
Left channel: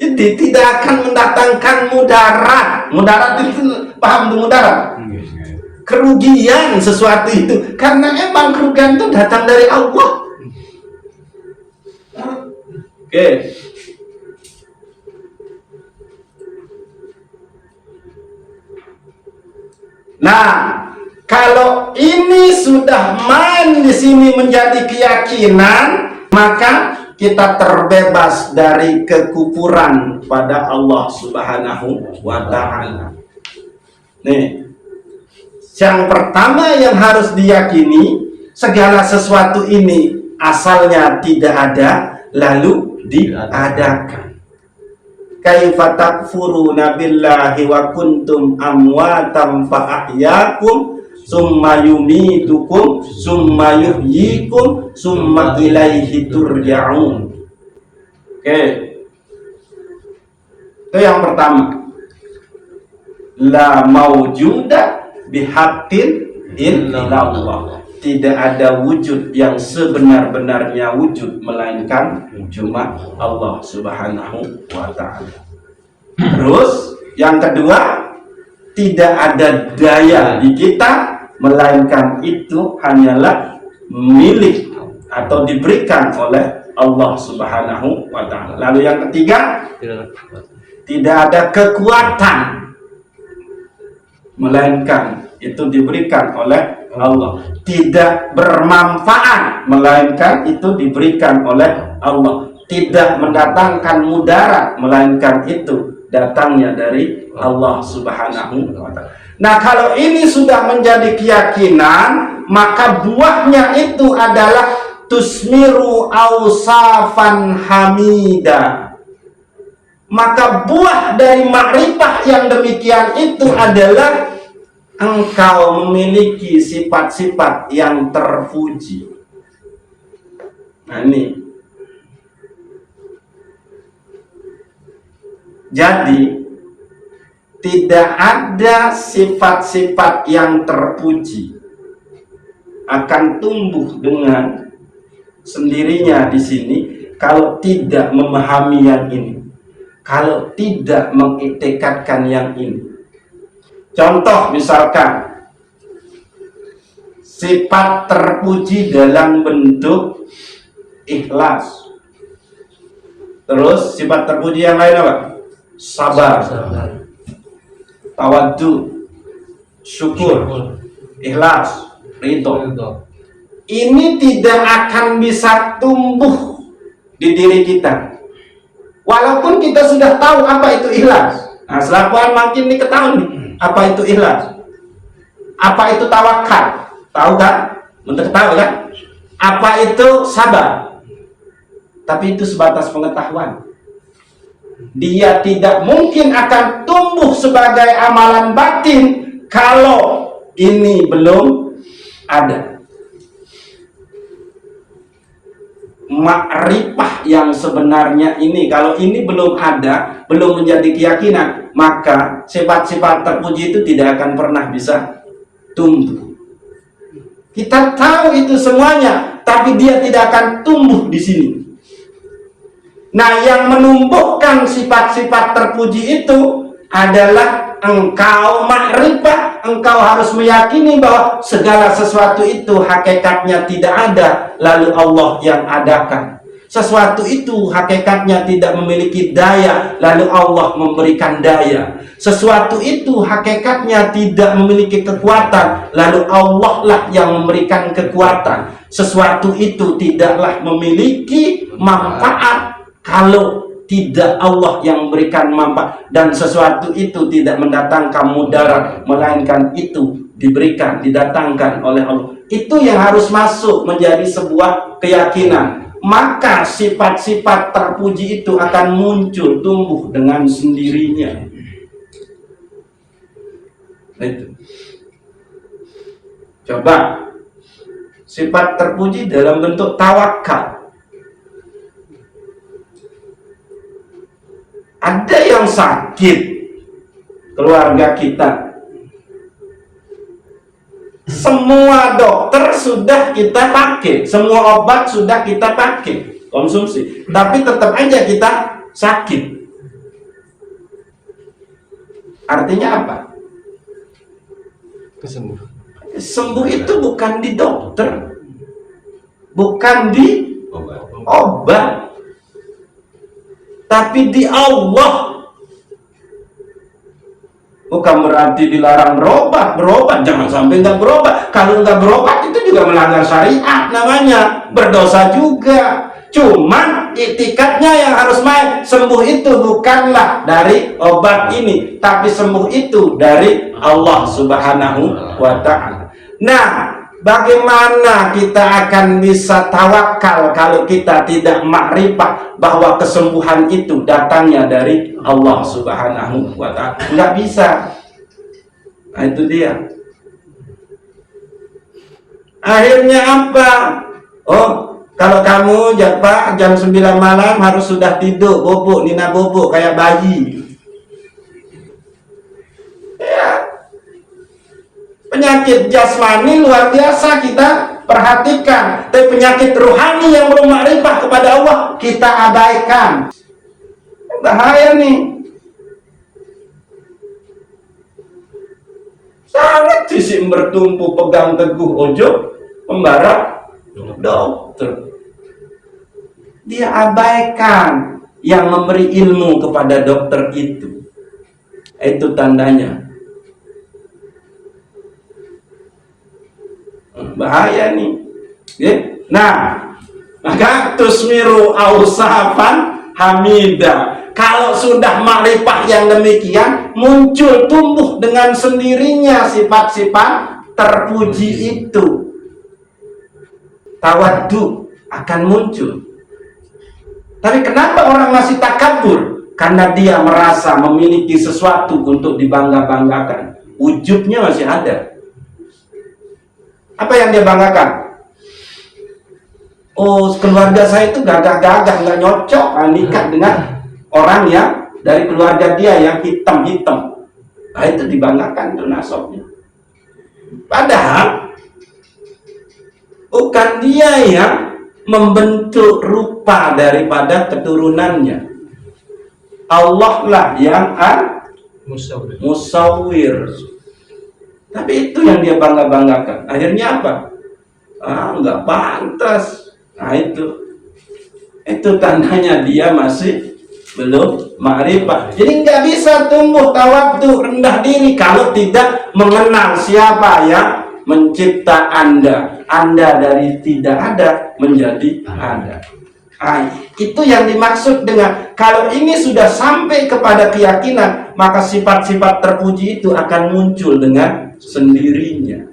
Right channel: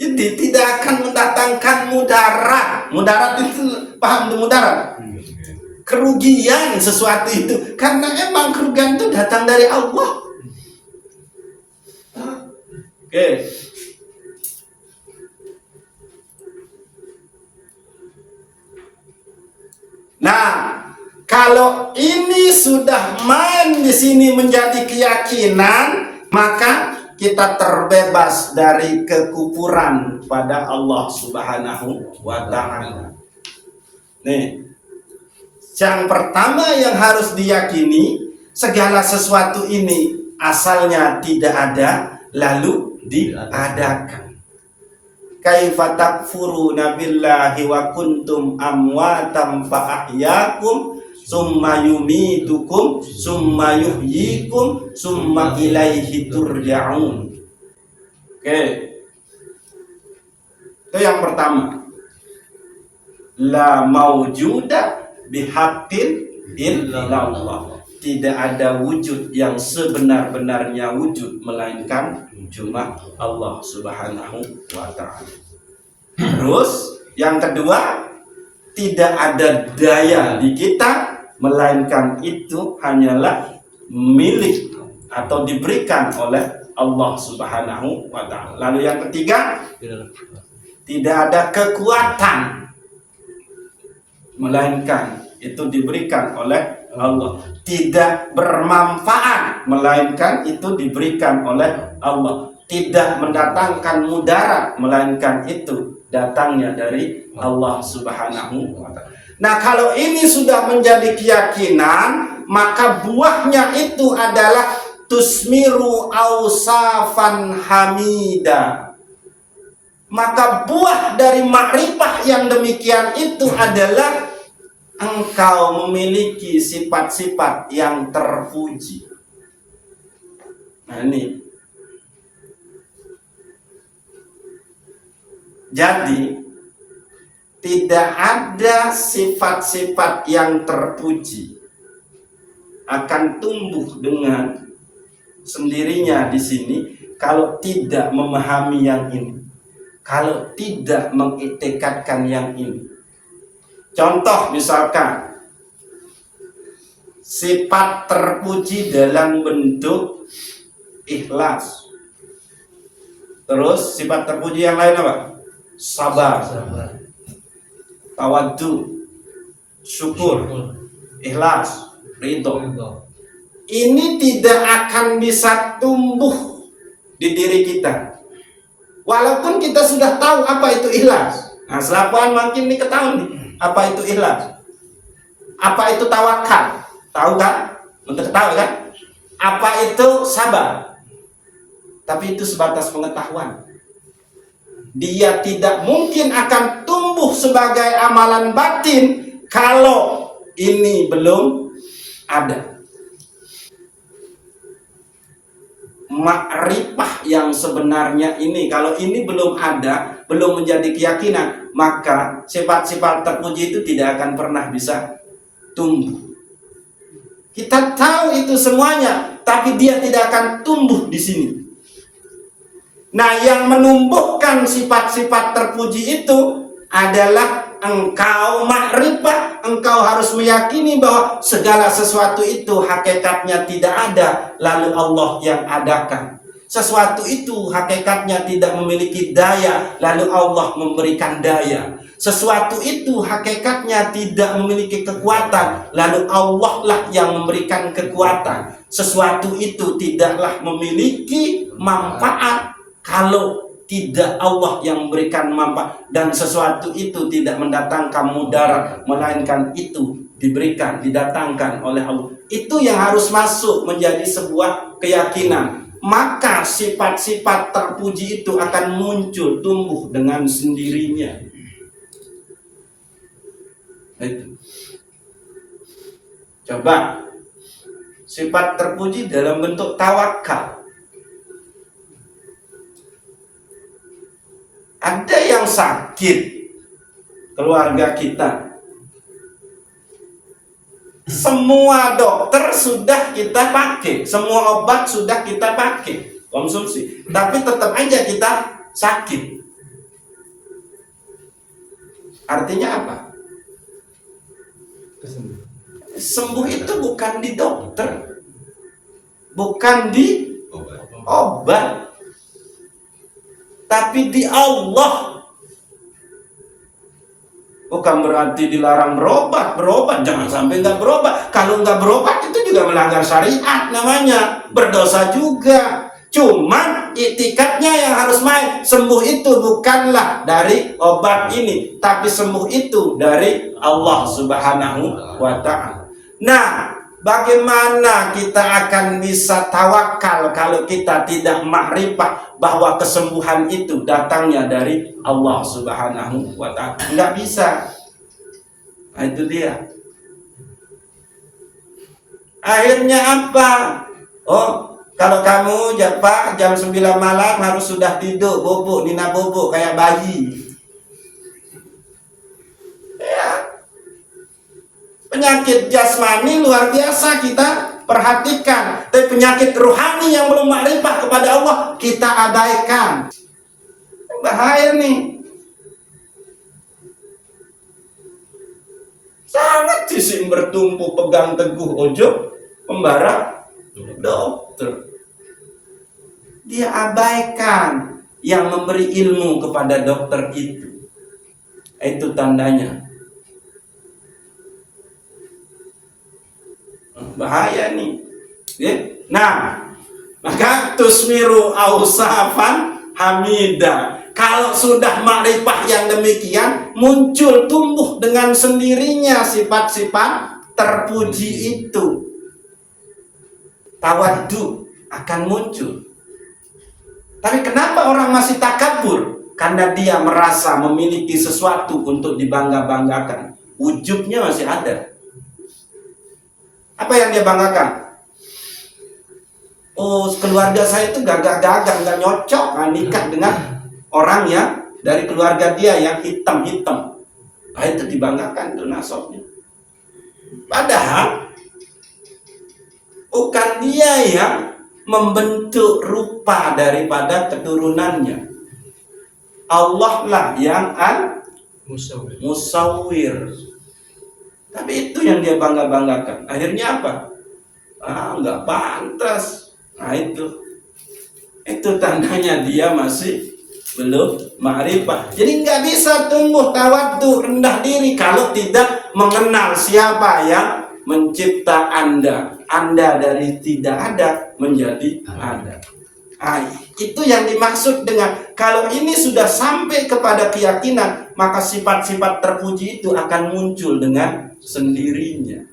Jadi tidak akan mendatangkan mudarat. Mudarat itu paham tuh mudarat? Kerugian sesuatu itu. Karena emang kerugian itu datang dari Allah. Oke. Nah, kalau ini sudah main di sini menjadi keyakinan, maka kita terbebas dari kekufuran pada Allah Subhanahu wa ta'ala. Nih, yang pertama yang harus diyakini, segala sesuatu ini asalnya tidak ada, lalu diadakan. Kaifa takfuruna billahi wa kuntum amwatam fa ahyakum summa yumitukum summa yuhyikum summa ilaihi turja'un. Oke. Itu yang pertama. La maujuda bihaqqin illallah. Tidak ada wujud yang sebenar-benarnya wujud melainkan cuma Allah Subhanahu wa ta'ala. Terus yang kedua, tidak ada daya di kita melainkan itu hanyalah milik atau diberikan oleh Allah Subhanahu wa ta'ala. Lalu yang ketiga, tidak ada kekuatan melainkan itu diberikan oleh Allah. Tidak bermanfaat melainkan itu diberikan oleh Allah. Tidak mendatangkan mudarat melainkan itu datangnya dari Allah Subhanahu wa ta'ala. Nah, kalau ini sudah menjadi keyakinan, maka buahnya itu adalah tusmiru ausafan hamida. Maka buah dari makrifah yang demikian itu adalah engkau memiliki sifat-sifat yang terpuji. Nah ini. Jadi tidak ada sifat-sifat yang terpuji akan tumbuh dengan sendirinya di sini kalau tidak memahami yang ini, kalau tidak mengiktikadkan yang ini. Contoh misalkan sifat terpuji dalam bentuk ikhlas. Terus sifat terpuji yang lain apa? Sabar, tawaddu, syukur, ikhlas, ridho. Ini tidak akan bisa tumbuh di diri kita. Walaupun kita sudah tahu apa itu ikhlas. Nah, selakuan makin diketahui nih, apa itu ikhlas, apa itu tawakal, tahu kan? Untuk tahu kan? Apa itu sabar? Tapi itu sebatas pengetahuan. Dia tidak mungkin akan tumbuh sebagai amalan batin kalau ini belum ada. Ma'rifah yang sebenarnya ini, kalau ini belum ada, belum menjadi keyakinan, maka sifat-sifat terpuji itu tidak akan pernah bisa tumbuh. Kita tahu itu semuanya, tapi dia tidak akan tumbuh di sini. Nah, yang menumbuhkan sifat-sifat terpuji itu adalah engkau ma'rifah, engkau harus meyakini bahwa segala sesuatu itu hakikatnya tidak ada, lalu Allah yang adakan. Sesuatu itu hakikatnya tidak memiliki daya, lalu Allah memberikan daya. Sesuatu itu hakikatnya tidak memiliki kekuatan, lalu Allah lah yang memberikan kekuatan. Sesuatu itu tidaklah memiliki manfaat kalau tidak Allah yang memberikan manfaat, dan sesuatu itu tidak mendatangkan mudarat, melainkan itu diberikan, didatangkan oleh Allah. Itu yang harus masuk menjadi sebuah keyakinan. Maka sifat-sifat terpuji itu akan muncul, tumbuh dengan sendirinya. Itu. Coba sifat terpuji dalam bentuk tawakal. Ada yang sakit, keluarga kita, semua dokter sudah kita pakai, semua obat sudah kita pakai, konsumsi, tapi tetap aja kita sakit. Artinya apa? Sembuh itu bukan di dokter, bukan di obat, tapi di Allah. Bukan berarti dilarang berobat, jangan sampai nggak berobat. Kalau nggak berobat itu juga melanggar syariat namanya, berdosa juga. Cuman itikadnya yang harus main. Sembuh itu bukanlah dari obat ini, tapi sembuh itu dari Allah Subhanahu wa Ta'ala. Nah, bagaimana kita akan bisa tawakal kalau kita tidak makrifah bahwa kesembuhan itu datangnya dari Allah Subhanahu wa Ta'ala? Nggak bisa. Nah, itu dia. Akhirnya apa? Oh, kalau kamu Pak jam 9 malam harus sudah tidur, bobok, nina bobok kayak bayi. Ya. Penyakit jasmani luar biasa kita perhatikan, tapi penyakit rohani yang belum makrifah kepada Allah kita abaikan. Bahaya nih. Sangat sisi bertumpu pegang teguh ojo pembarap dokter. Dia abaikan yang memberi ilmu kepada dokter itu. Itu tandanya. Bahaya nih. Nah, maka tusmiru ausafan hamida. Kalau sudah makrifah yang demikian, muncul tumbuh dengan sendirinya sifat-sifat terpuji itu. Tawaddu akan muncul. Tapi kenapa orang masih takabur? Karena dia merasa memiliki sesuatu untuk dibangga-banggakan. Ujubnya masih ada. Apa yang dia banggakan? Oh, keluarga saya itu gagah-gagah, nggak nyocok nikah dengan orang yang dari keluarga dia yang hitam-hitam. Nah, itu dibanggakan itu nasabnya. Padahal bukan dia yang membentuk rupa daripada keturunannya. Allah lah yang musawwir. Tapi itu yang dia bangga-banggakan. Akhirnya apa? Nggak pantas. Nah, itu tandanya dia masih belum ma'rifah. Jadi nggak bisa tumbuh tawadhu, rendah diri, kalau tidak mengenal siapa yang mencipta Anda. Anda dari tidak ada menjadi ada. Nah, itu yang dimaksud dengan kalau ini sudah sampai kepada keyakinan, maka sifat-sifat terpuji itu akan muncul dengan sendirinya.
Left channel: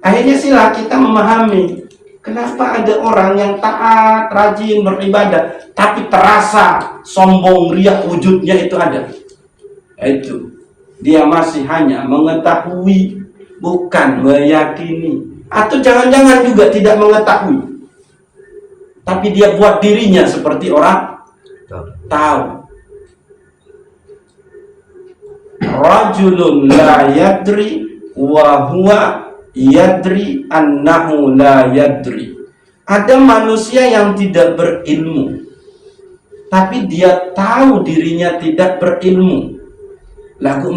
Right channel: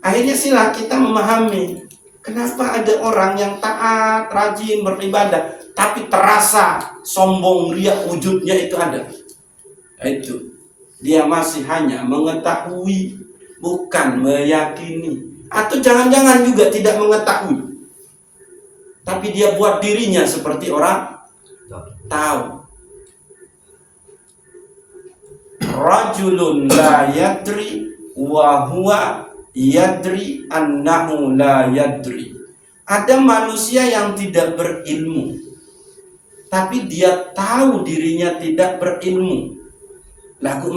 Akhirnya sila kita memahami kenapa ada orang yang taat, rajin beribadah, tapi terasa sombong, riak wujudnya itu ada. Itu dia masih hanya mengetahui, bukan meyakini. Atau jangan-jangan juga tidak mengetahui, tapi dia buat dirinya seperti orang tahu. Rajulun la yadri wa huwa yadri annahu la yadri. Ada manusia yang tidak berilmu, tapi dia tahu dirinya tidak berilmu. Lalu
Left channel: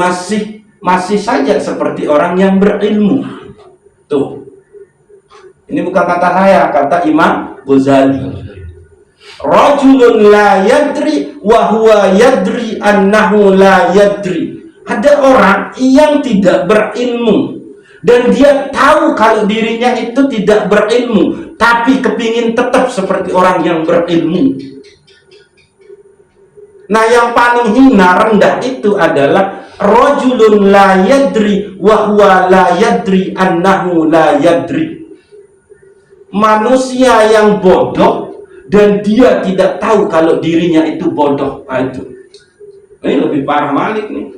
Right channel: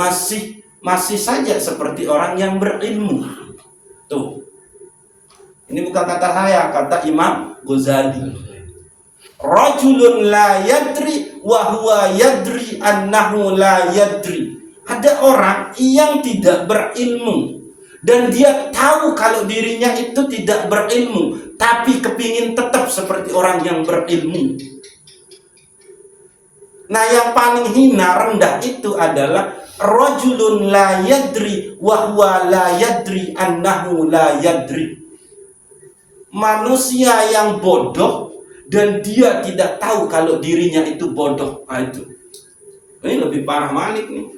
masih saja seperti orang yang berilmu. Tuh. Ini bukan kata saya, kata Imam Ghazali. Rajulun la yadri wa huwa yadri annahu la yadri. Ada orang yang tidak berilmu dan dia tahu kalau dirinya itu tidak berilmu, tapi kepingin tetap seperti orang yang berilmu. Nah, yang paling hina, rendah itu adalah rajulun la yadri wa huwa la yadri annahu la yadri. Manusia yang bodoh dan dia tidak tahu kalau dirinya itu bodoh. Nah, itu. Ini lebih parah Malik nih.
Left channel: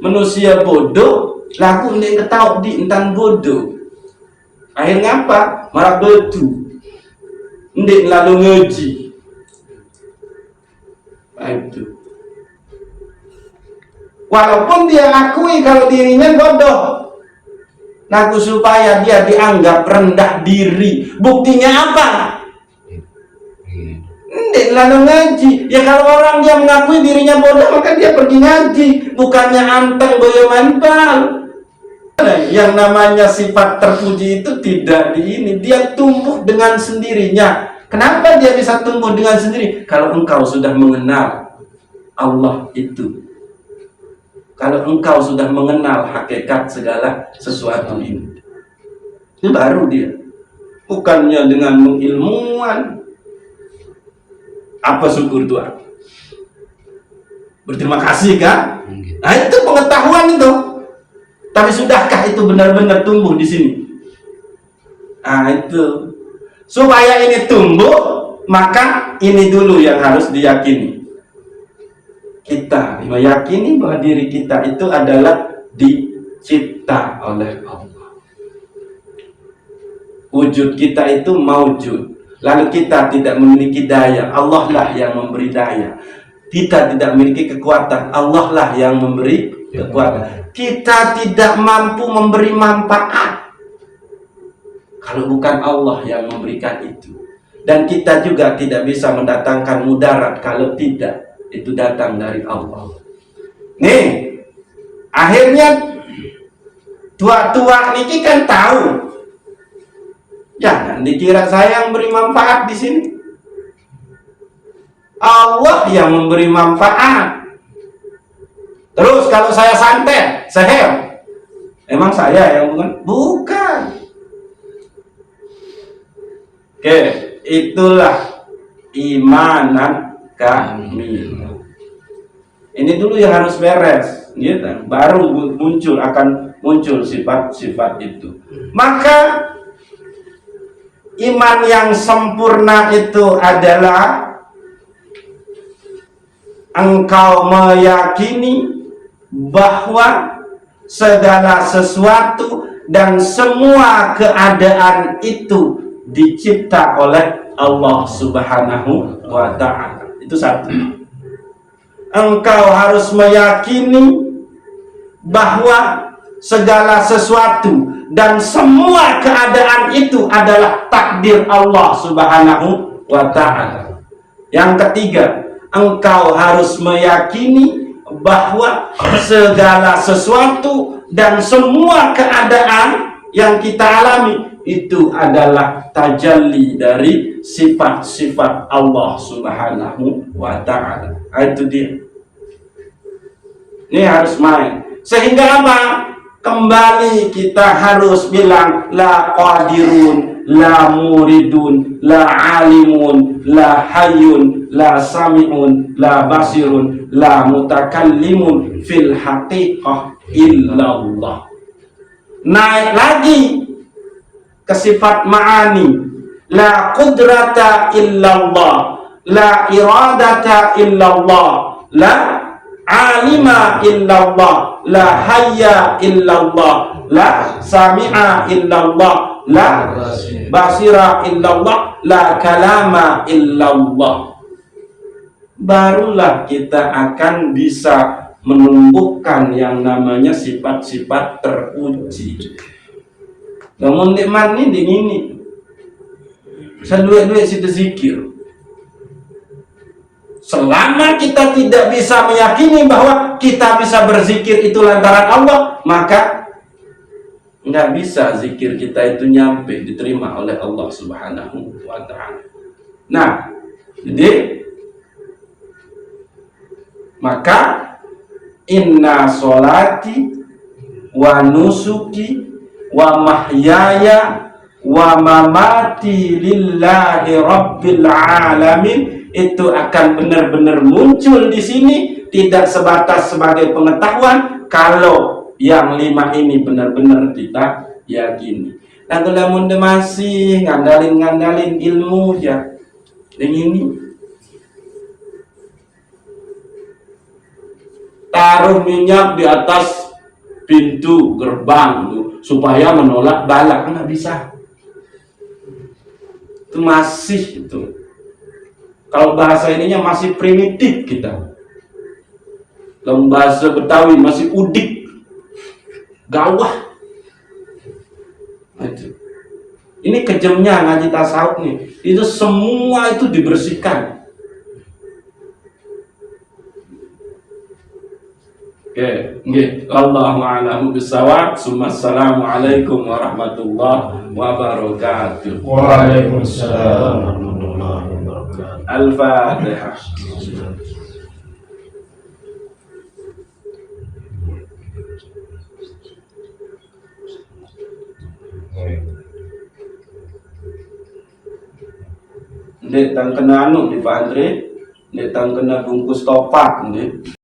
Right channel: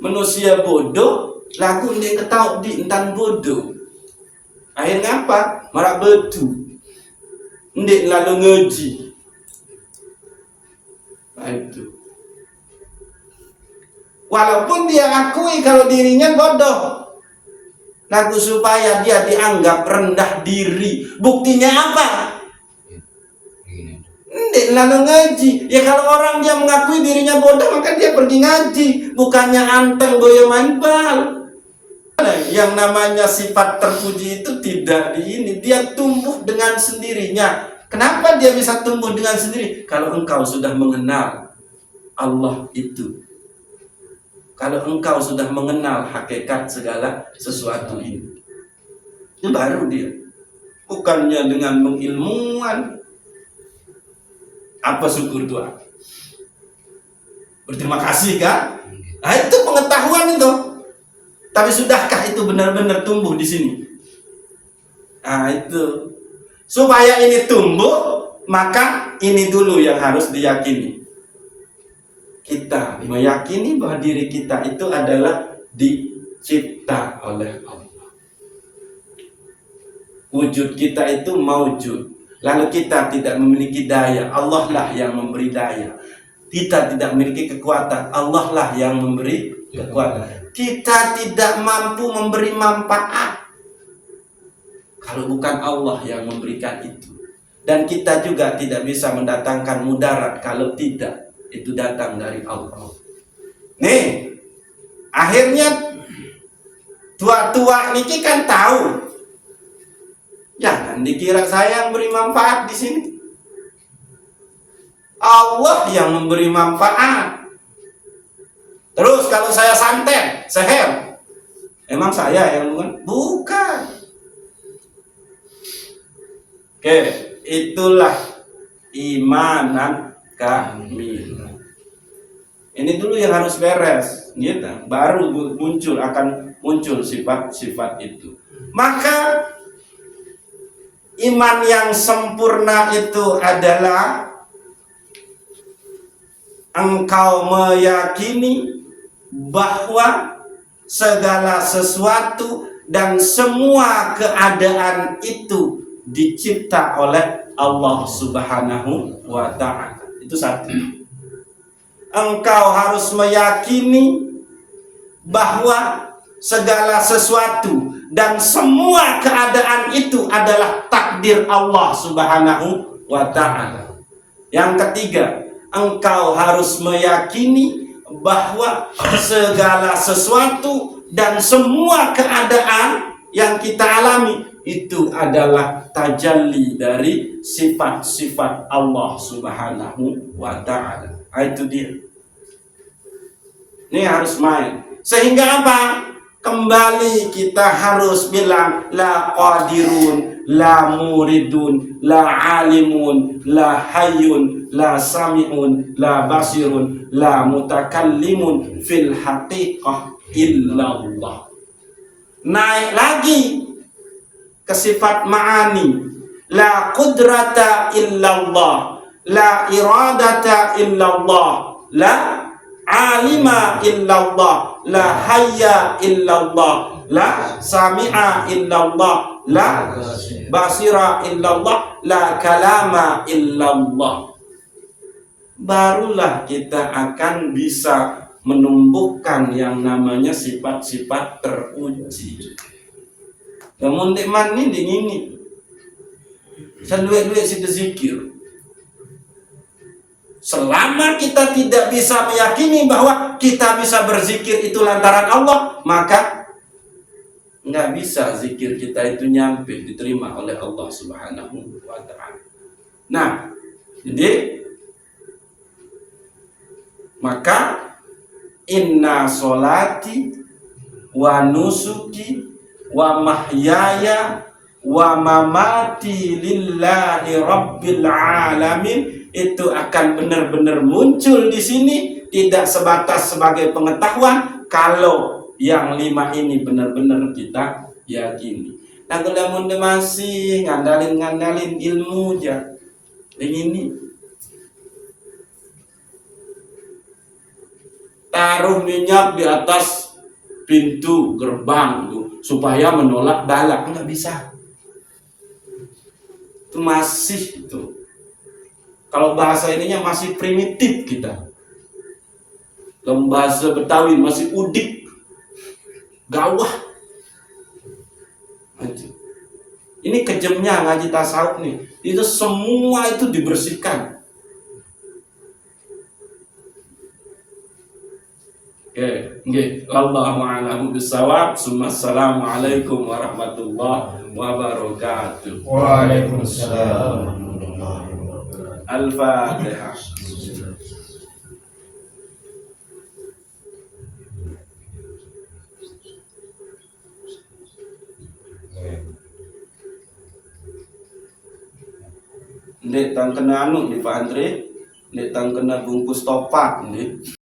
Manusia bodoh, laku dia ketahui di entan bodoh. Akhirnya apa? Marah betu. Ndek lalu ngeji. Nah, itu. Walaupun dia akui kalau dirinya bodoh, lagu supaya dia dianggap rendah diri. Buktinya apa? Ndek lalu ngaji. Ya kalau orang yang mengakui dirinya bodoh, maka dia pergi ngaji, bukannya anteng boyo manpal. Yang namanya sifat terpuji itu tidak dia tumbuh dengan sendirinya. Kenapa dia bisa tumbuh dengan sendiri? Kalau engkau sudah mengenal Allah itu, kalau engkau sudah mengenal hakikat segala sesuatu ini, itu baru dia. Bukannya dengan mengilmuan. Apa syukur Tuhan? Berterima kasih kan? Nah, itu pengetahuan itu. Tapi sudahkah itu benar-benar tumbuh di sini? Nah, itu. Supaya ini tumbuh, maka ini dulu yang harus diyakini. Kita meyakini bahwa diri kita itu adalah dicipta oleh Allah. Wujud kita itu maujud. Lalu kita tidak memiliki daya, Allah lah yang memberi daya. Kita tidak memiliki kekuatan, Allah lah yang memberi kekuatan. Kita tidak mampu memberi manfaat kalau bukan Allah yang memberikan itu. Dan kita juga tidak bisa mendatangkan mudarat kalau tidak itu datang dari Allah. Nih, akhirnya tua-tua niki kan tahu. Jangan dikira saya yang beri manfaat di sini. Allah yang memberi manfaat. Terus kalau saya santet, seher, emang saya yang bukan. Oke, itulah imanan kamil. Ini dulu yang harus beres, gitu. Baru akan muncul sifat-sifat itu. Maka iman yang sempurna itu adalah engkau meyakini bahwa segala sesuatu dan semua keadaan itu dicipta oleh Allah Subhanahu wa Ta'ala. Itu satu. Engkau harus meyakini bahwa segala sesuatu dan semua keadaan itu adalah takdir Allah Subhanahu wa Ta'ala. Yang ketiga, engkau harus meyakini bahwa segala sesuatu dan semua keadaan yang kita alami itu adalah tajalli dari sifat-sifat Allah Subhanahu wa Ta'ala. Itu dia. Ini harus main. Sehingga apa? Kembali kita harus bilang la qadirun, la muridun, la alimun, la hayyun, la sami'un, la basirun, la mutakallimun fil haqiqah illallah. Naik lagi ke sifat ma'ani, la qudrata illallah, la iradata illallah, la alima illallah, la hayya illallah, la sami'a illallah, la basira illallah, la kalama illallah. Barulah kita akan bisa menumbuhkan yang namanya sifat-sifat terpuji. Namun nikmat ini dingini, seluruh situ zikir. Selama kita tidak bisa meyakini bahwa kita bisa berzikir itu lantaran Allah, maka nggak bisa zikir kita itu nyampe diterima oleh Allah Subhanahu wa Ta'ala. Nah, jadi maka inna sholati wa nusuki wa mahyaya wa mamati lillahi rabbil alamin itu akan benar-benar muncul di sini, tidak sebatas sebagai pengetahuan kalau yang 5 ini benar-benar kita yakini. Nah, kalau masih ngandalin ilmu ya, yang ini taruh minyak di atas pintu gerbang tuh supaya menolak bala, nggak bisa. Itu masih itu. Kalau bahasa ininya masih primitif kita. Dalam bahasa Betawi masih udik, gawah. Itu. Ini kejamnya ngaji tasawuf nih. Itu semua itu dibersihkan. Oke, nggih. Allahu a'lamu bissawab. Assalamualaikum warahmatullahi wabarakatuh. Waalaikumsalam warahmatullahi wabarakatuh. Al-Fatihah. Ndek tang kena anu di Pak Andre, ndek tang kena bungkus topat ndek.